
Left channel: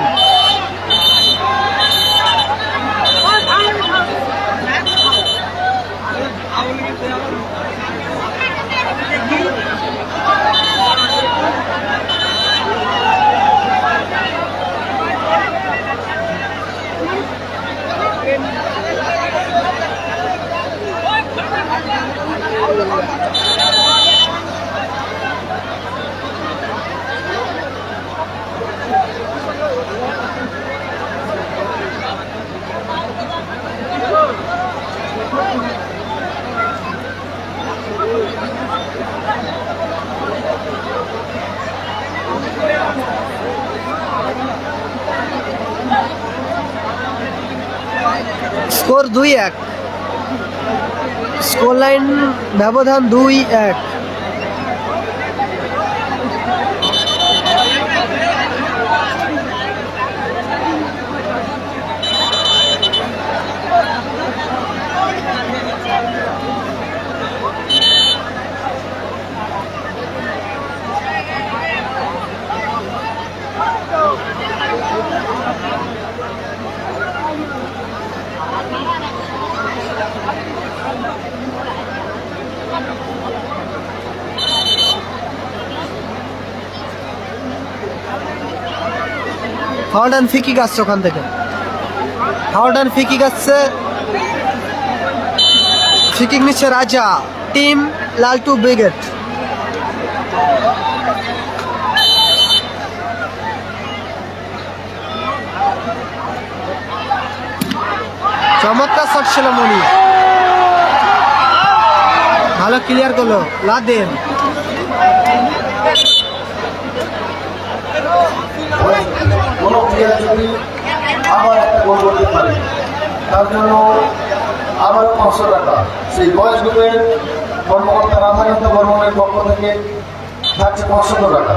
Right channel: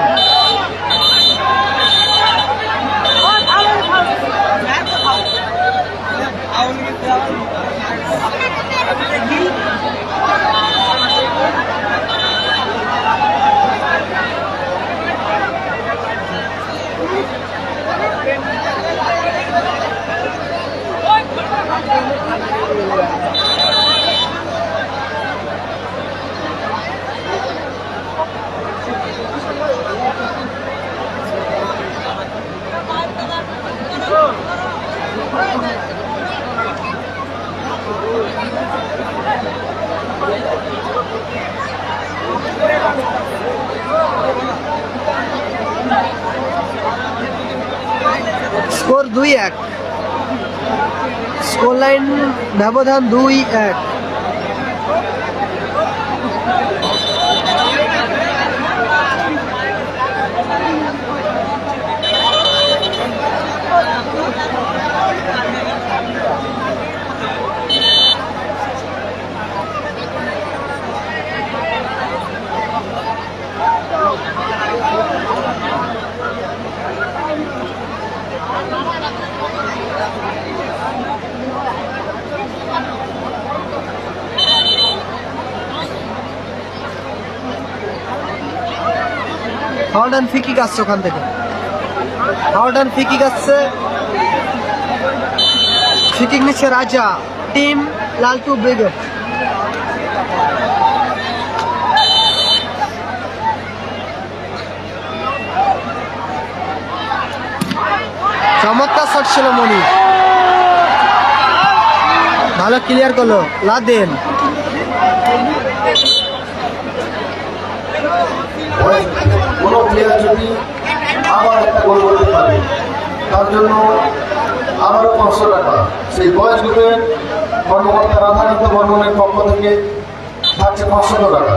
স্কোর 2-1, স্কোর লাইন ব্যবধান 2-1। ফাউল অ্যান্ড ফ্রি কিক আসছে ওখান থেকে। ফাউল অ্যান্ড ফ্রি কিক আসছে। ফ্রি কিক নিচ্ছে রাজা, টিম লালটু ব্রিগেড। চমৎকার শট ছিল মনি, ভালো ক্লিয়ার করলো লাদেন। কোনো প্লেয়ার যদি আবার একটা গোল করতে পারে তার জন্য আবারও 500 টাকা সেই বয়স গ্রুপের কর্মকর্তা রাধাকান্ত বর্মনের পক্ষ থেকে যাচ্ছে 500 টাকা।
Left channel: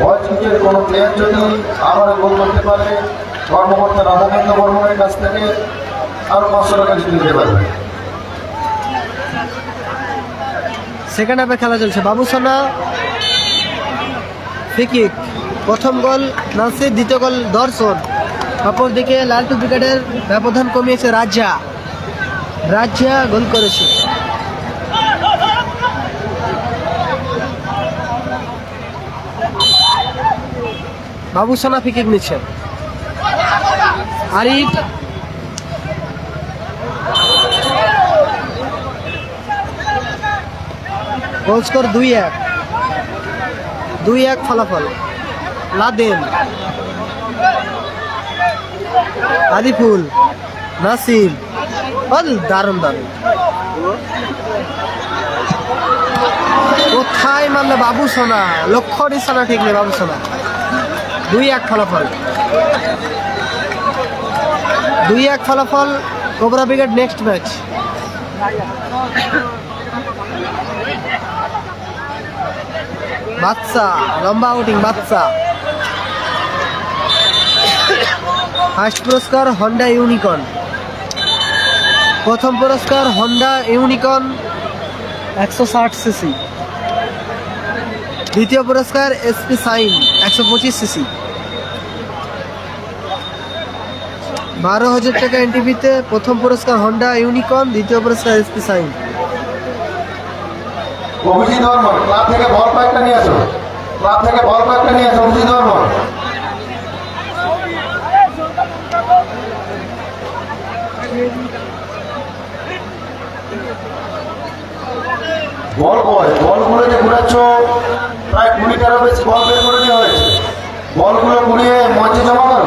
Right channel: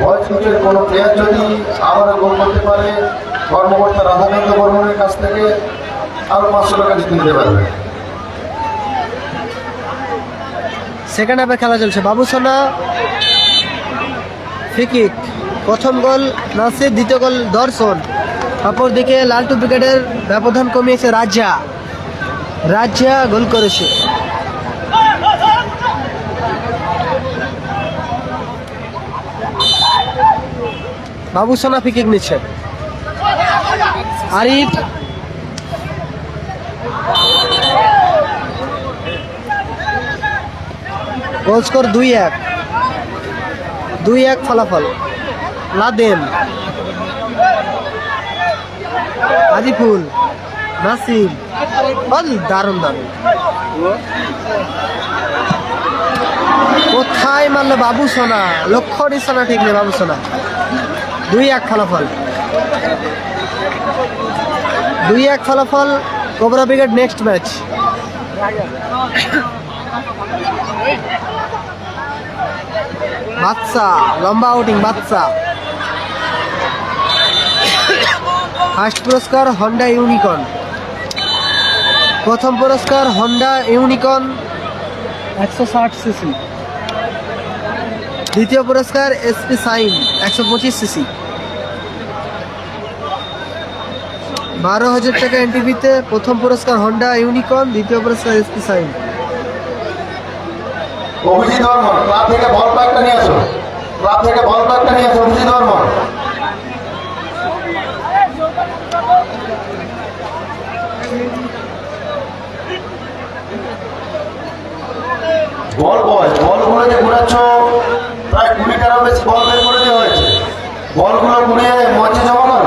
বয়স গ্রুপের কোনো প্লেয়ার যদি আবার গোল করতে পারে কর্মকর্তা রাধাকান্ত বর্মনের কাছ থেকে আরো 500 টাকা জিতে নিতে পারবে। সেকেন্ড হাফে খেলা চলছে। বাবুসোনা ফ্রি কিক, প্রথম গোল নাসির, দ্বিতীয় গোল দর্শন। অপরদিকে লালটু ব্রিগেডের ব্যবধান কমিয়েছে রাজা। রাজা গোল করেছে। বাবুসোনা ফ্রি কিক নিচ্ছে। আরিফ গোল স্কোর 2-1, 2-1 ফলাফল। লাদেন, আদিফুল, নাসিম, দারুণ দারুণ। কোথায় মারলো বাবুসোনা, লক্ষ্য নিশানা ঠিক নেই বাবুসোনা। 2-1 ফলাফল, 2-1 ফলাফল। Cobra brigade next match. Badsha লম্বা আউটিং। বাদশা ফার্স্ট পুরস্কার হন্ডা ইউনিকর্ন। প্রথম পুরস্কার হন্ডা ইউনিকর্ন 160 সিসি। দ্বিতীয় পুরস্কার এসপি সাইন 125 সিসি। 12,000 টাকা এনটিভিতে। প্রথম পুরস্কার হন্ডা ইউনিকর্ন, দ্বিতীয় পুরস্কার SP Shine. Abhijit Barman club থেকে বল প্যাকটা নিয়ে আসো, ক্লাব থেকে বল প্যাকটা নিয়ে আসো অভিজিৎ বর্মন। বলগুলো যে ঘুরাচ্ছ প্রায় 20টারও বেশি বল বের করে দেওয়া হয়েছে। বলগুলো ঘুরিয়ে মঞ্চে জমা করো।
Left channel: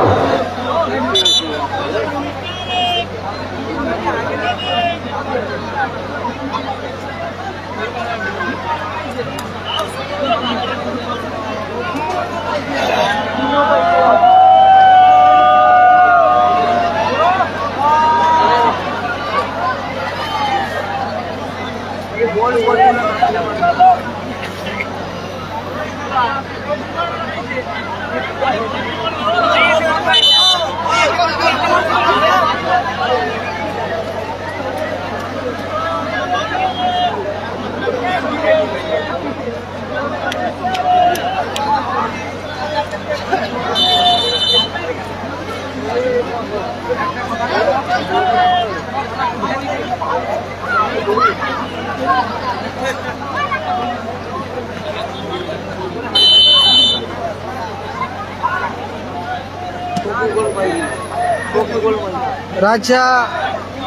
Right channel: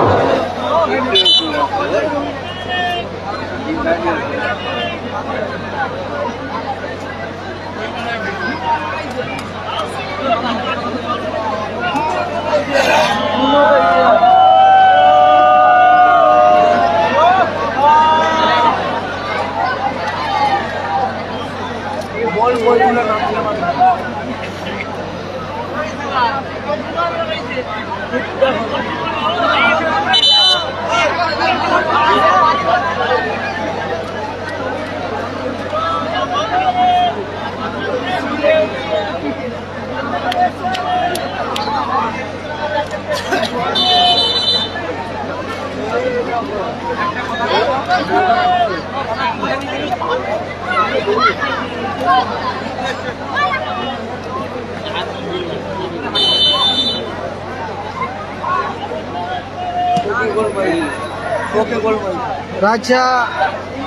রাজা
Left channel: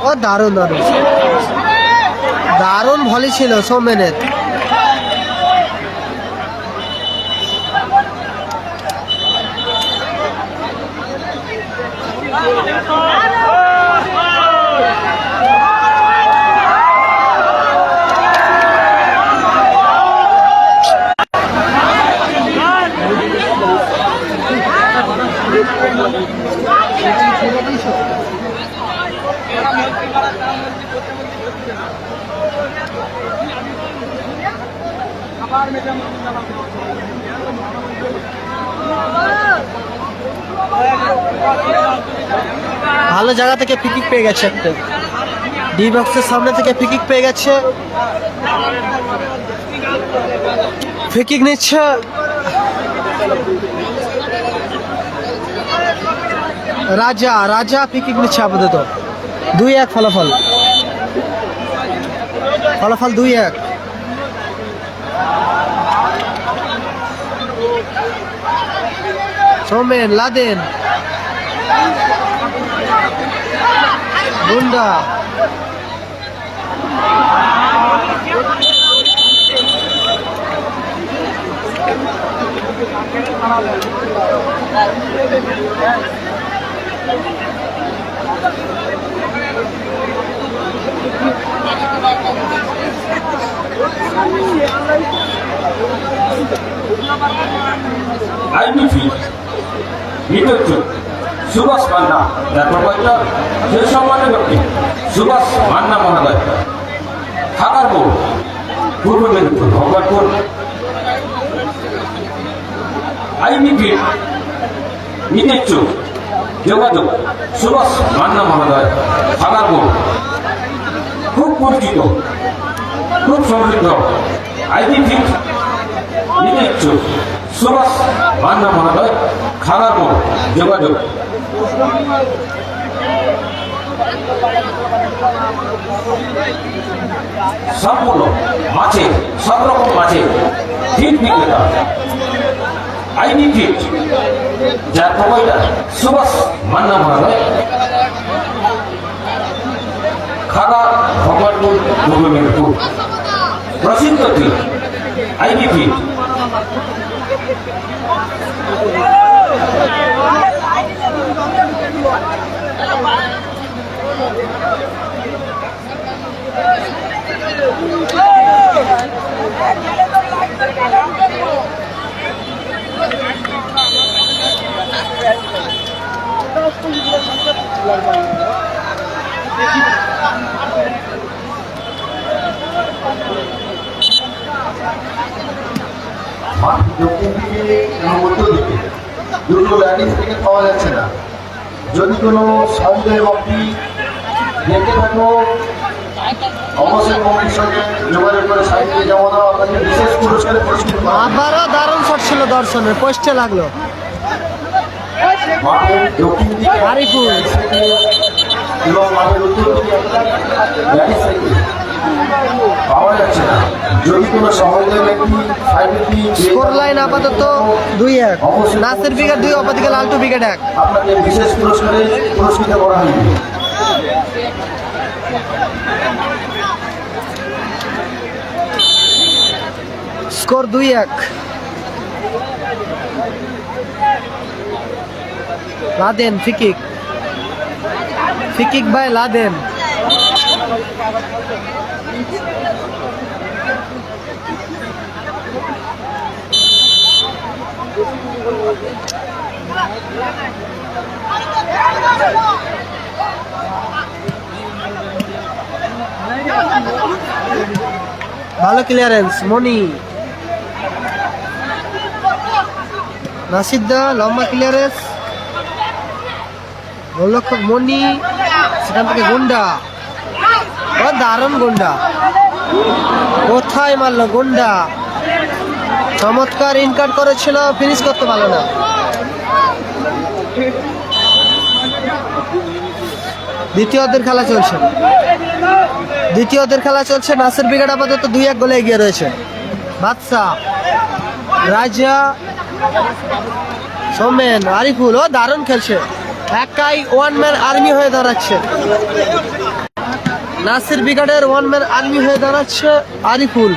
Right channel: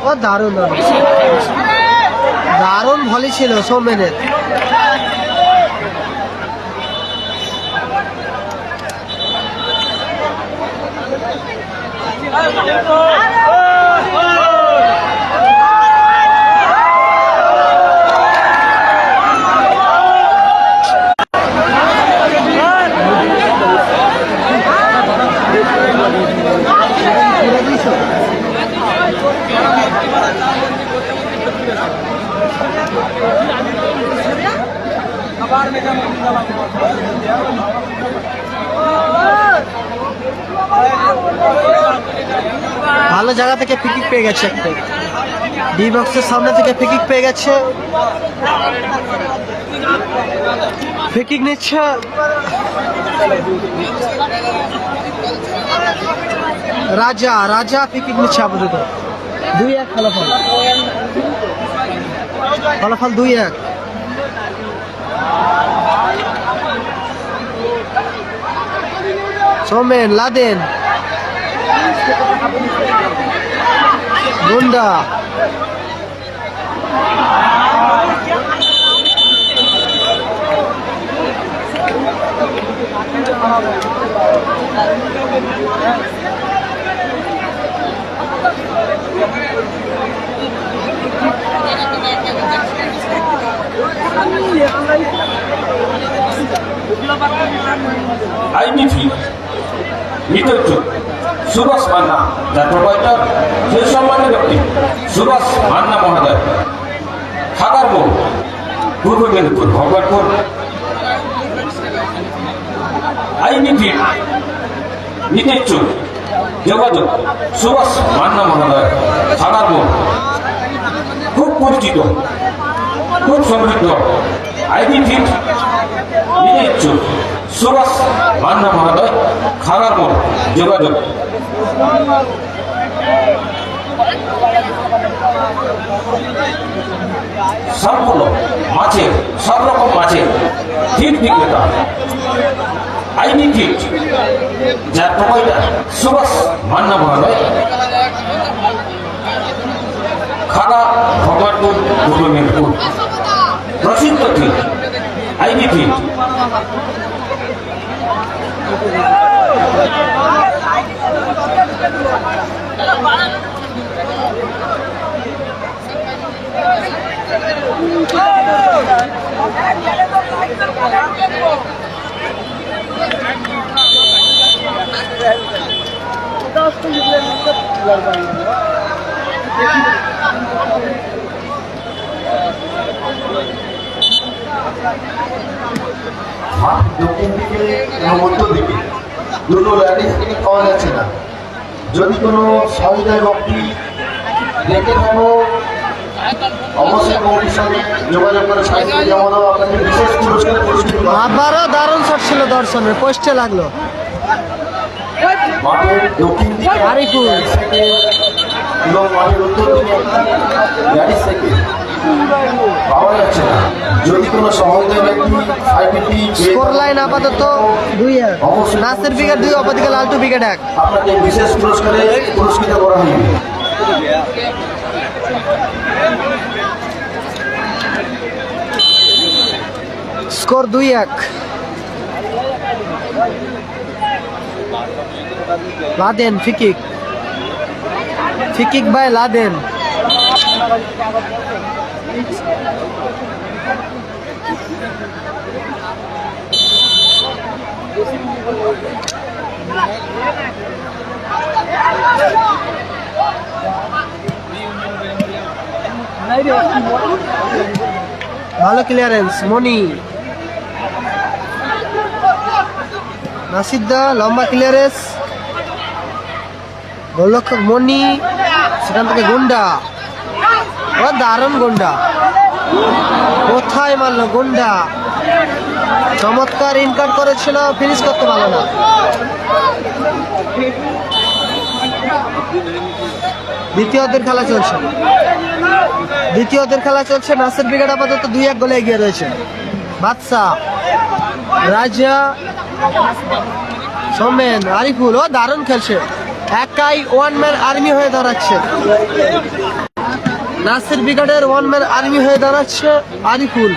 ও দারুণ দারুণ ভলি ছিল সৌমেনের। ভালো জায়গা থেকে ফ্রিকিক পেয়ে গেছে একটা, ডি বক্সের সামনে থেকে ফ্রিকিক পেয়ে গেছে, ফ্রিকিক নিচ্ছে রাজা। রাজা ফ্রিকিক নিচ্ছে আপাতত 2-1 ফলাফল, ফলাফল 2-1। সৌমেন, লাদেন, বুন্ডা, আইডিপি নিতজ্জ সুভাষ মান্না, যার প্রোভাইডার সেই সম্মানের ব্যক্তি সুভাষ মান্না মহোদয়, খাগারপুর, পূর্ব মেদিনীপুর, ভগবানপুর। আইডিপি নিতজ্জ যোগাযোগ সুভাষ মান্না মহোদয়, খাগারপুর, খুব পরিচিত, খুব সমৃদ্ধ। আইডিপি নিতজ্জ সুভাষ মান্না মহোদয়, খাগারপুর, যোগাযোগ। সম্পূর্ণ মাছের, সব রকম মাছের ফিট বিক্রেতা আইনি ফিট, যার প্রোভাইডার সুভাষ মান্না মহোদয়, খাগা, ভগবানপুর, পূর্ব মেদিনীপুর। প্রসিদ্ধ ফিট আইনি ফিট। দক্ষিণ দিকে এবং উত্তর দিকে দুটো ল্যান্ডিং থেকে পাওয়া যাচ্ছে না। যদি কোনো সহযোগের ব্যক্তি দেখে থাকো অবশ্যই কমিটির সঙ্গে যোগাযোগ করে সাহায্য জানাবো। আপনাকে বিশেষ পুরস্কারে পুরস্কৃত করা হবে। আবারও দারুণ শট ছিল দর্শনের, পোস্টে লাগলো মাঠের দক্ষিণ দিকে আরিফুল। থেকে এবং মাঠের উত্তর দিকে ল্যান্ডিং থেকে পাওয়া যাচ্ছে না। যদি কোনো সহযোগের ব্যক্তি স্কোর লাইন আপাতত 2-1, নাসির উইকেট 2, অপরদিকে লালটু উইকেট 1। আপনাকে বিশেষ পুরস্কারে পুরস্কৃত করা হবে। Score 2-1, Laden free kick, free kick by Laden. ভালো ক্লিয়ারেন্স মনি, নাসিদ্দা লম্বা ক্লিয়ারেন্স, গোলরক্ষক মনি, সেখান থেকে গুন্ডা, ও দারুণ গুন্ডা, কোথায় মারলো গুন্ডা, চমৎকার ইনকাট করেছিল, ফিনিশ করতে পারলো না। দ্বিতীয়দের খেলা চলছে, নাসির ব্রিগেড আপাতত 2-1 গোলে এগিয়ে রয়েছে। বাদশা, রাজা, সোমেন, আরিফুল, ও দারুণ খেলছে, একাই ওয়ান ম্যান আর্মি হয়ে দাঁড়াচ্ছে। নাসির ব্রিগেডের ওয়ান ম্যান আর্মি হয়ে দাঁড়াচ্ছে আরিফুল।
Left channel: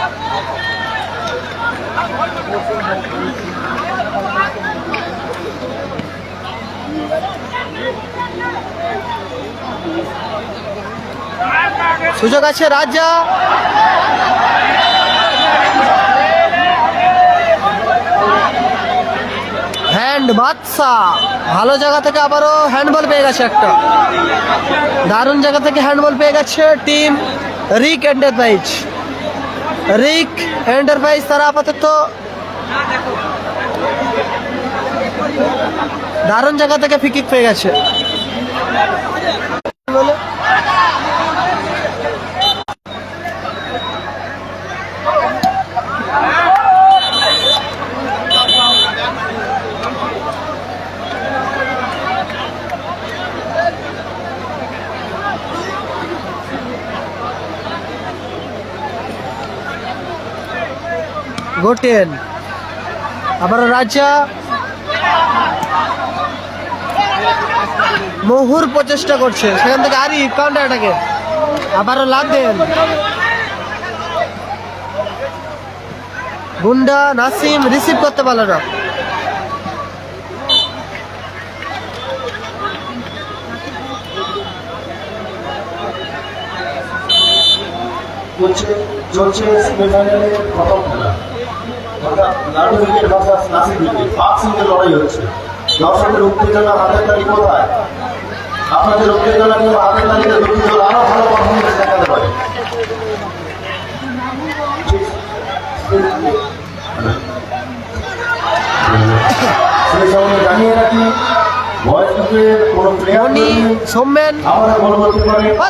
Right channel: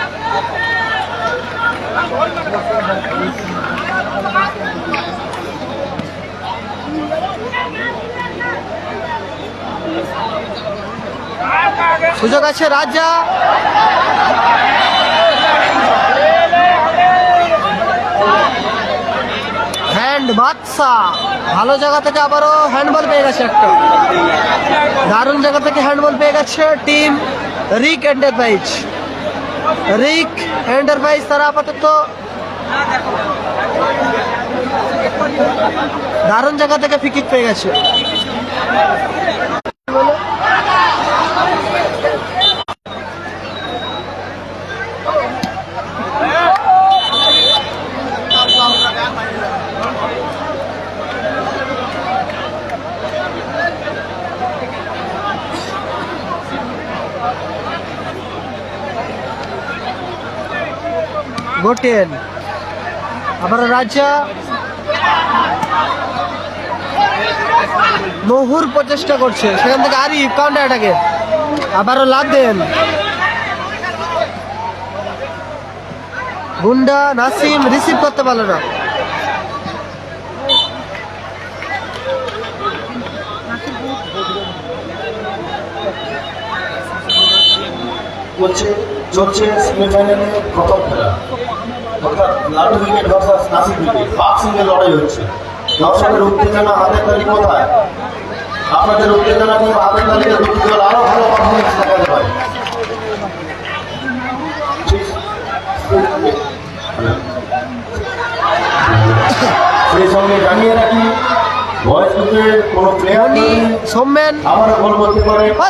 সুযোগ আছে রাজা, হ্যান্ড বাদশা, ভালো জায়গা থেকে আবারও হ্যান্ডবল পেয়ে গেছে, একটা দারুণ জায়গা থেকে হ্যান্ডবল পেয়ে গেছে টিম রিক এন্টারপ্রাইজ। তারা আপাতত দারুণ জায়গা থেকে ফ্রি কিক পেয়ে গেছে। গোটেন, আবার রাজা, মহুর প্রচেষ্টা করছে, সেখান থেকে আরিফ কাউন্টার অ্যাটাকে, আবারও লাদেন, গুন্ডা, নাসিম রিসিভ করতে পারল না। চলছে সেমিফাইনালে প্রথম খেলা, অর্থাৎ Ladu wicket versus Nasir wicket, বক্সিংয়ের লড়াই হচ্ছে। দর্শকের উত্তেজনা, হাতের তালি কোথায়? আপনাদের উত্তেজনা হাতের তালিতে দুটি দল আরো ভালো পারফরমেন্স দেখাতে পারে। সেই সঙ্গে জানিয়ে রাখি, সোমেন,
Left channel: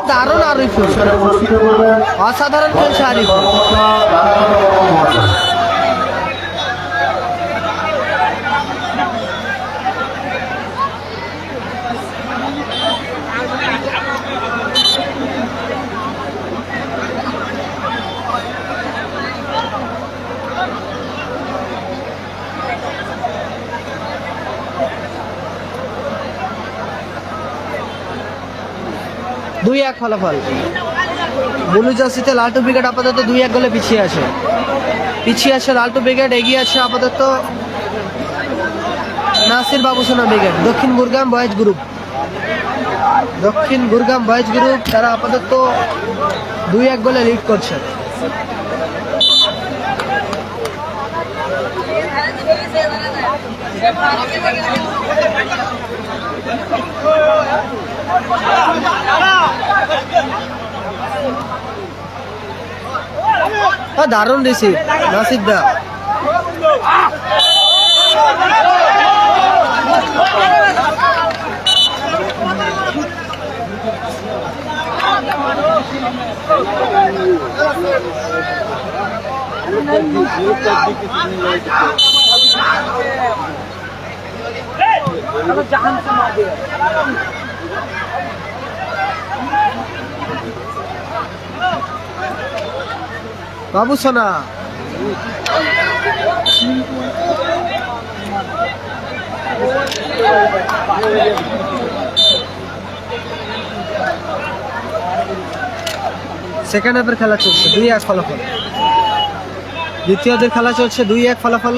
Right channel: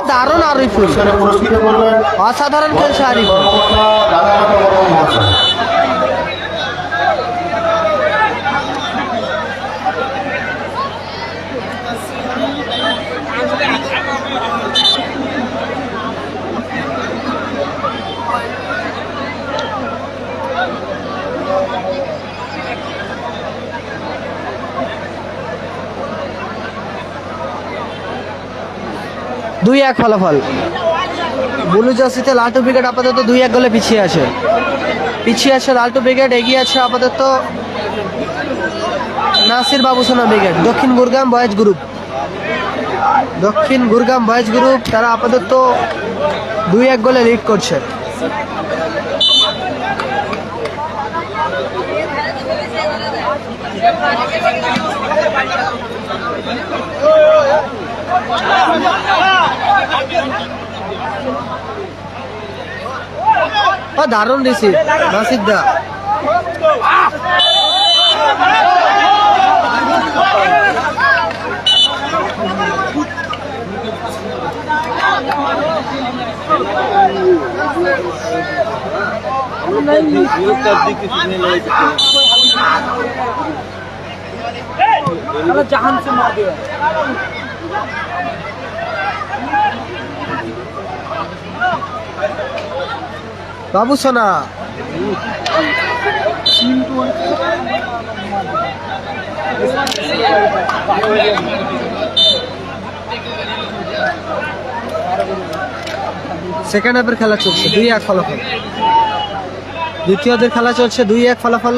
দারুণ আরিফুল, অসাধারণ খেলছে আরিফুল। দুই এক ফলাফল, ব্লু জার্সিতে লালটু ব্রিগেড আপাতত 2-1 গোলে পিছিয়ে আছে লালটু ব্রিগেড, এগিয়ে আছে আপাতত Nasir Babusona brigade. Dakshin Gurgam boys group তারা আপাতত 2-1 গোলে লিড করছে। দারুণ রিসিভ নাসিদ্দা, বাবুসোনা, সেকেন্ড হাফের খেলা চলছে 2-1 ফলাফল। দ্বিতীয়দের খেলা চলছে 2-1 ফলাফল,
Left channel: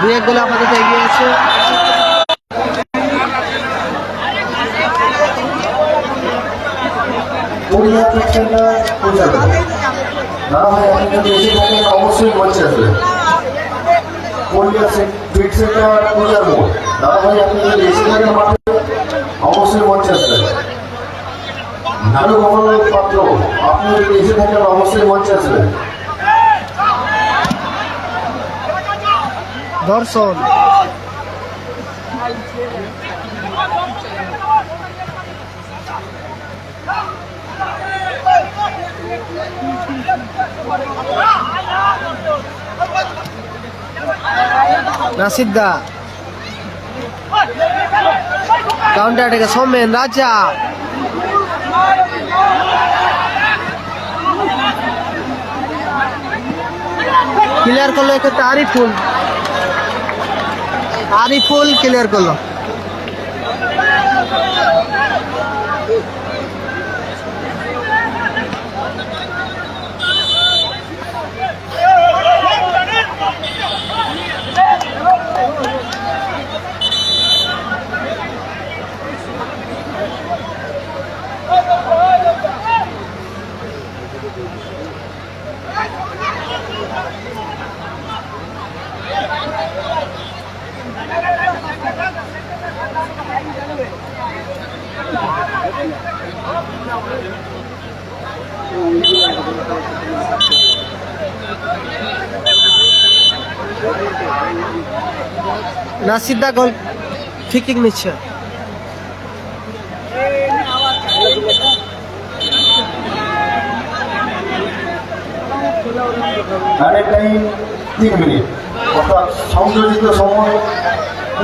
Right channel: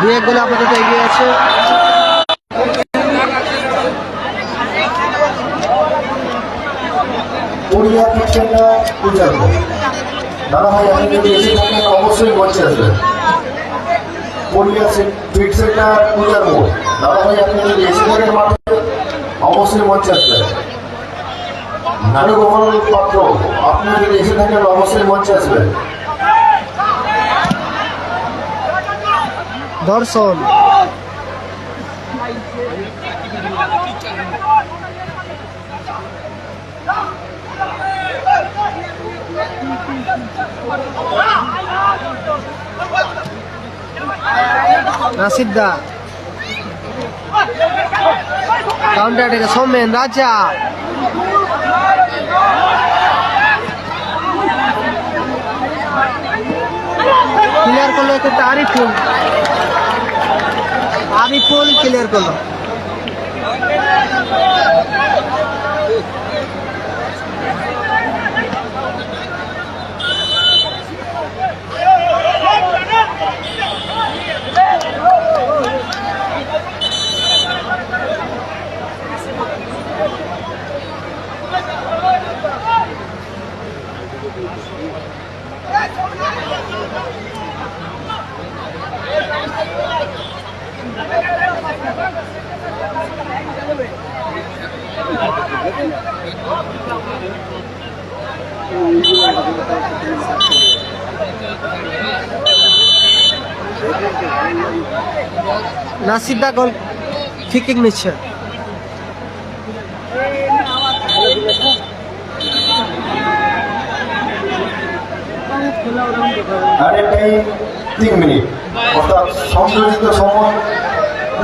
2-1 গোলে আপাতত এগিয়ে আছে। অবশ্যই মঞ্চে আসবে, অবশ্যই মঞ্চে আসবে। নারী গোপাল পাত্র, আপনি যদি এসে থাকেন অবশ্যই মঞ্চে আসবেন। দর্শন। নাসিদ্দা কাউন্টার থেকে সৌমেন রাজা, ক্লিয়ার করলো এক্ষেত্রে আরিফুল, আরিফুল ক্লিয়ার করলো। নাসিদ্দা গোল ফিকিং নিচ্ছে।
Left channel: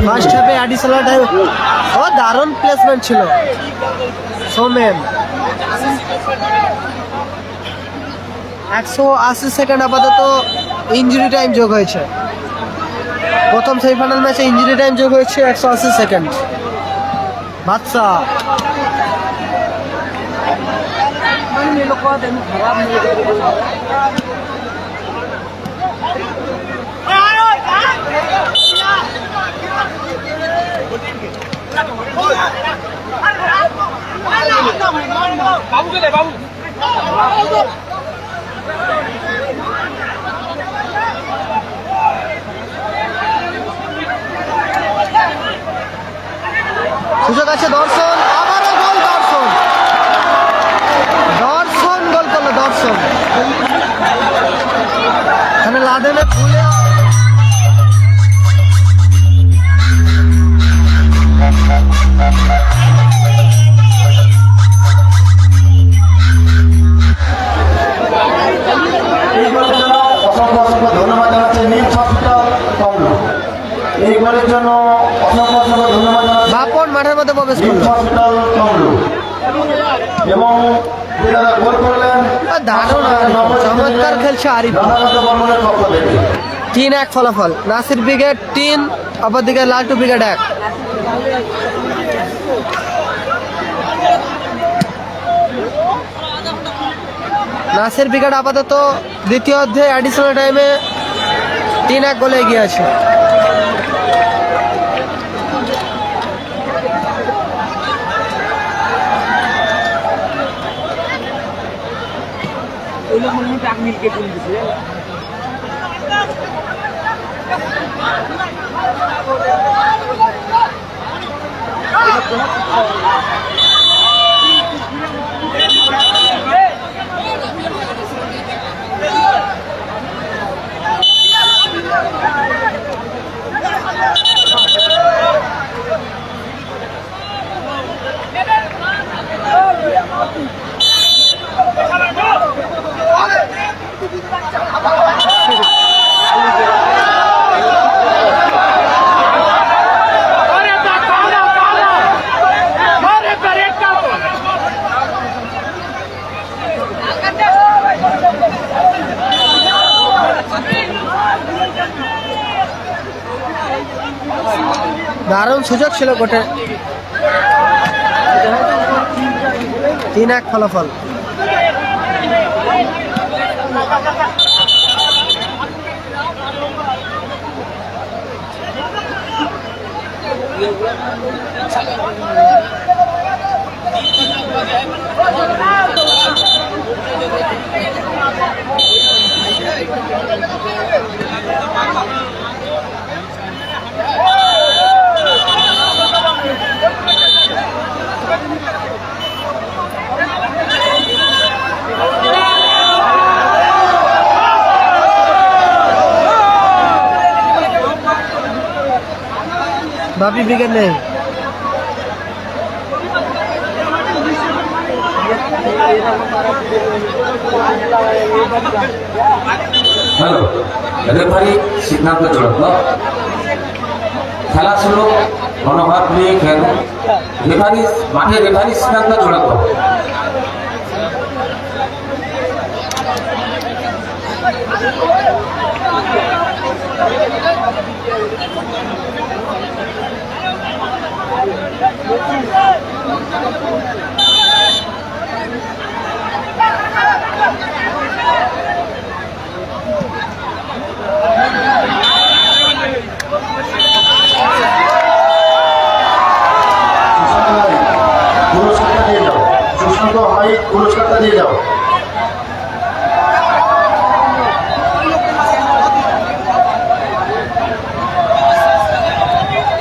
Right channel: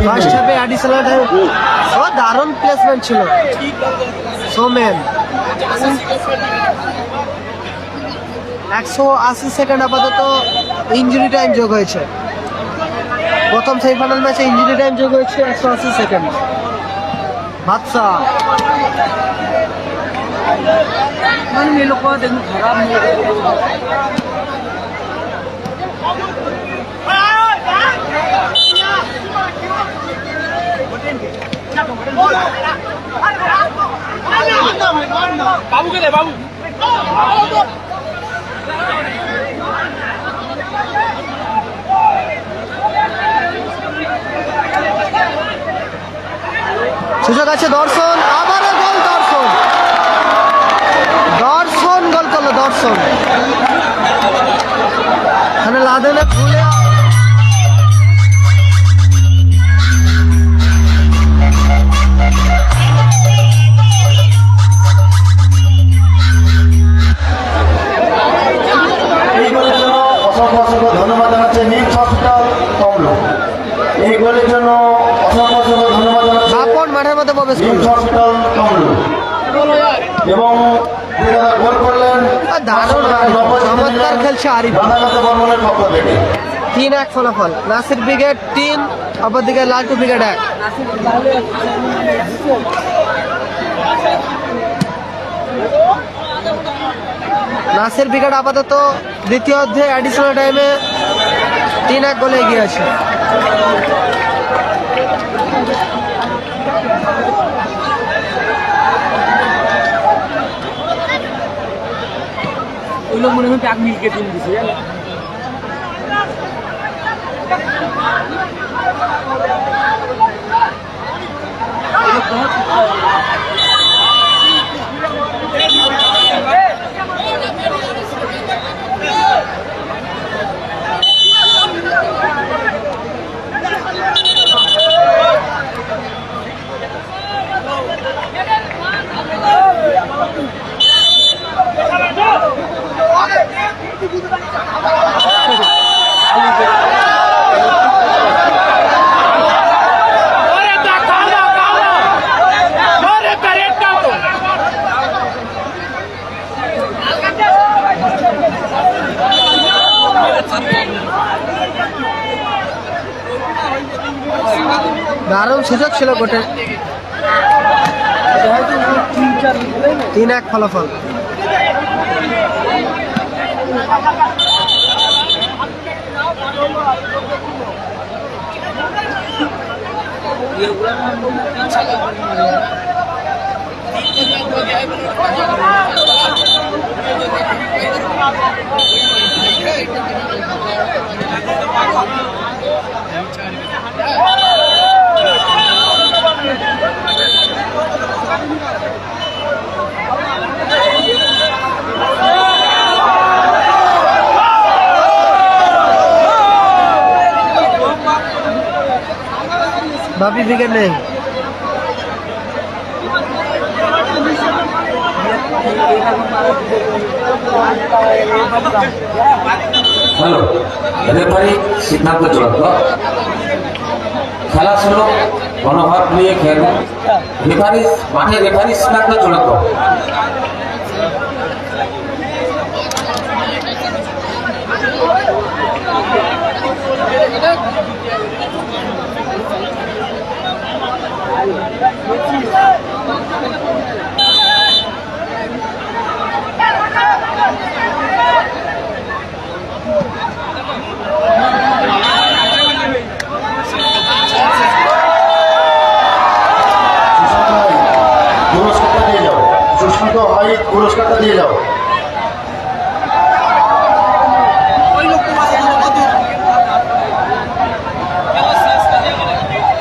ফার্স্ট হাফে অ্যাডিশনাল টাইম। ও দারুণ প্লেসমেন্ট ছিল সৌমেন। 180 সেকেন্ড আপাতত ইঞ্জুরি টাইম যোগ হয়েছে। প্রথম সেমিফাইনাল ম্যাচে ইঞ্জুরি টাইম যোগ হয়েছে 180 সেকেন্ড। বাদশা মানে মেলো কোয়া দেখুন খারাপ নেই। বাবু কে বাবু সুযোগ আছে দর্শন, আবারও গোল দর্শন, দর্শন গোল করলো দর্শন। এখানে লাদেনে ভুলে ধন্যবাদ জানাচ্ছি নিক্স হসপিটাল কমলো এই গোলের জন্য। বাপন মাঠের মধ্যে প্রবেশ করলো এবং গোল করলেন দারুণ চমৎকার খেলছে আরিফ। বর্মনের পক্ষ থেকে 3-1 ফলাফল। নাসির ব্রিগেড 3, অপরদিকে লালটু ব্রিগেড 1। নাসির ব্রিগেড আপাতত দ্বিতীয় অর্ধে অ্যাডিশনাল টাইমে 3-1 গোলে এগিয়ে আছে। ওই লোক মনে হয় ব্যাগ মিলকে তুলে দিচ্ছে। দারুণ সুযোগ ছিল গোটে। 3-1 ফলাফল। बापी बिगड़ नहीं হ্যালো রেফারি সিদ্ধান্ত চূড়ান্ত খেলা শুরু মনোভাব নিয়ে খেলবেন রেফারি সিদ্ধান্ত চূড়ান্ত পুরস্কারটা দিয়ে যাও, সুশান্ত হাইট পুরস্কারটা দিয়ে যাও।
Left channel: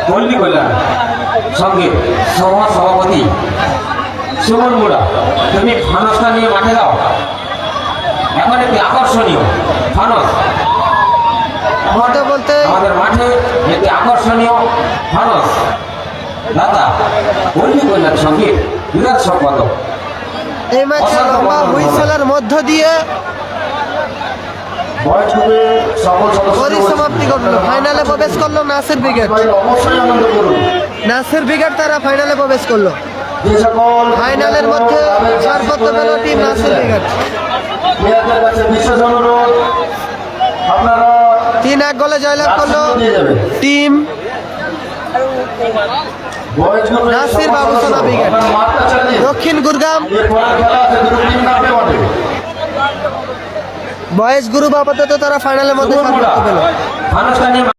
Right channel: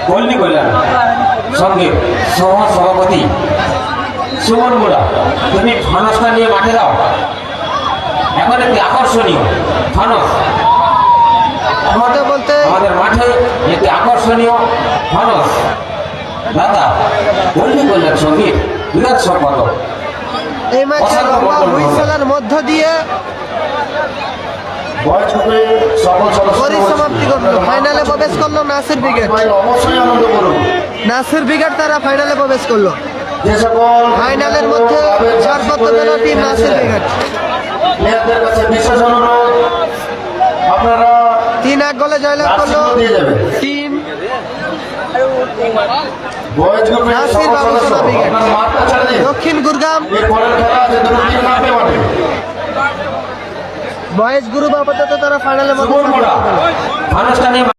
পল্লী কল্যাণ সঙ্গে সহ সভাপতি সুমন মোড়া তুমি ফানসটা নিয়ে মাঠে যাও। এখন একটি আকর্ষণীয় ফানস मोटा बोलते আমাদের মাঠে একটি আকর্ষণীয় ফানস দাদা পল্লী কল্যাণ সঙ্গে বিরাট সম্পর্ক এই ম্যাচে লম্বা হুইসেলের মধ্য দিয়ে বয়স গ্রুপে সকল সদস্য পরিসমাপ্তি ঘটলো ফাইনালে প্রবেশ করলো নাসির ব্রিগেড অবশ্যই আনন্দ করুন। নাসির ব্রিগেড তারা ফাইনালে প্রবেশ করলো যে সকল ফাইনালের মধ্যে ছাড় করতে পেল টিম নাসির ব্রিগেড মেয়েদের কাছে বিশেষ অনুরোধ, আপনারা 3-1 গোলে জয়লাভ করলো দিয়ে যাবেন। টিম বয়স গ্রুপে নাসির বাবুসোনা ব্রিগেড আপনারা মাঠটা চালিয়ে দক্ষিণ গুরগাম এরপরের খেলা আছে, দুটো টিম নামতে পারবে। বয়েজ গ্রুপ আপাতত তারা ফাইনালের মধ্যে সুমন প্রবেশ মোড়া করতে পেল ফানসটা নিয়ে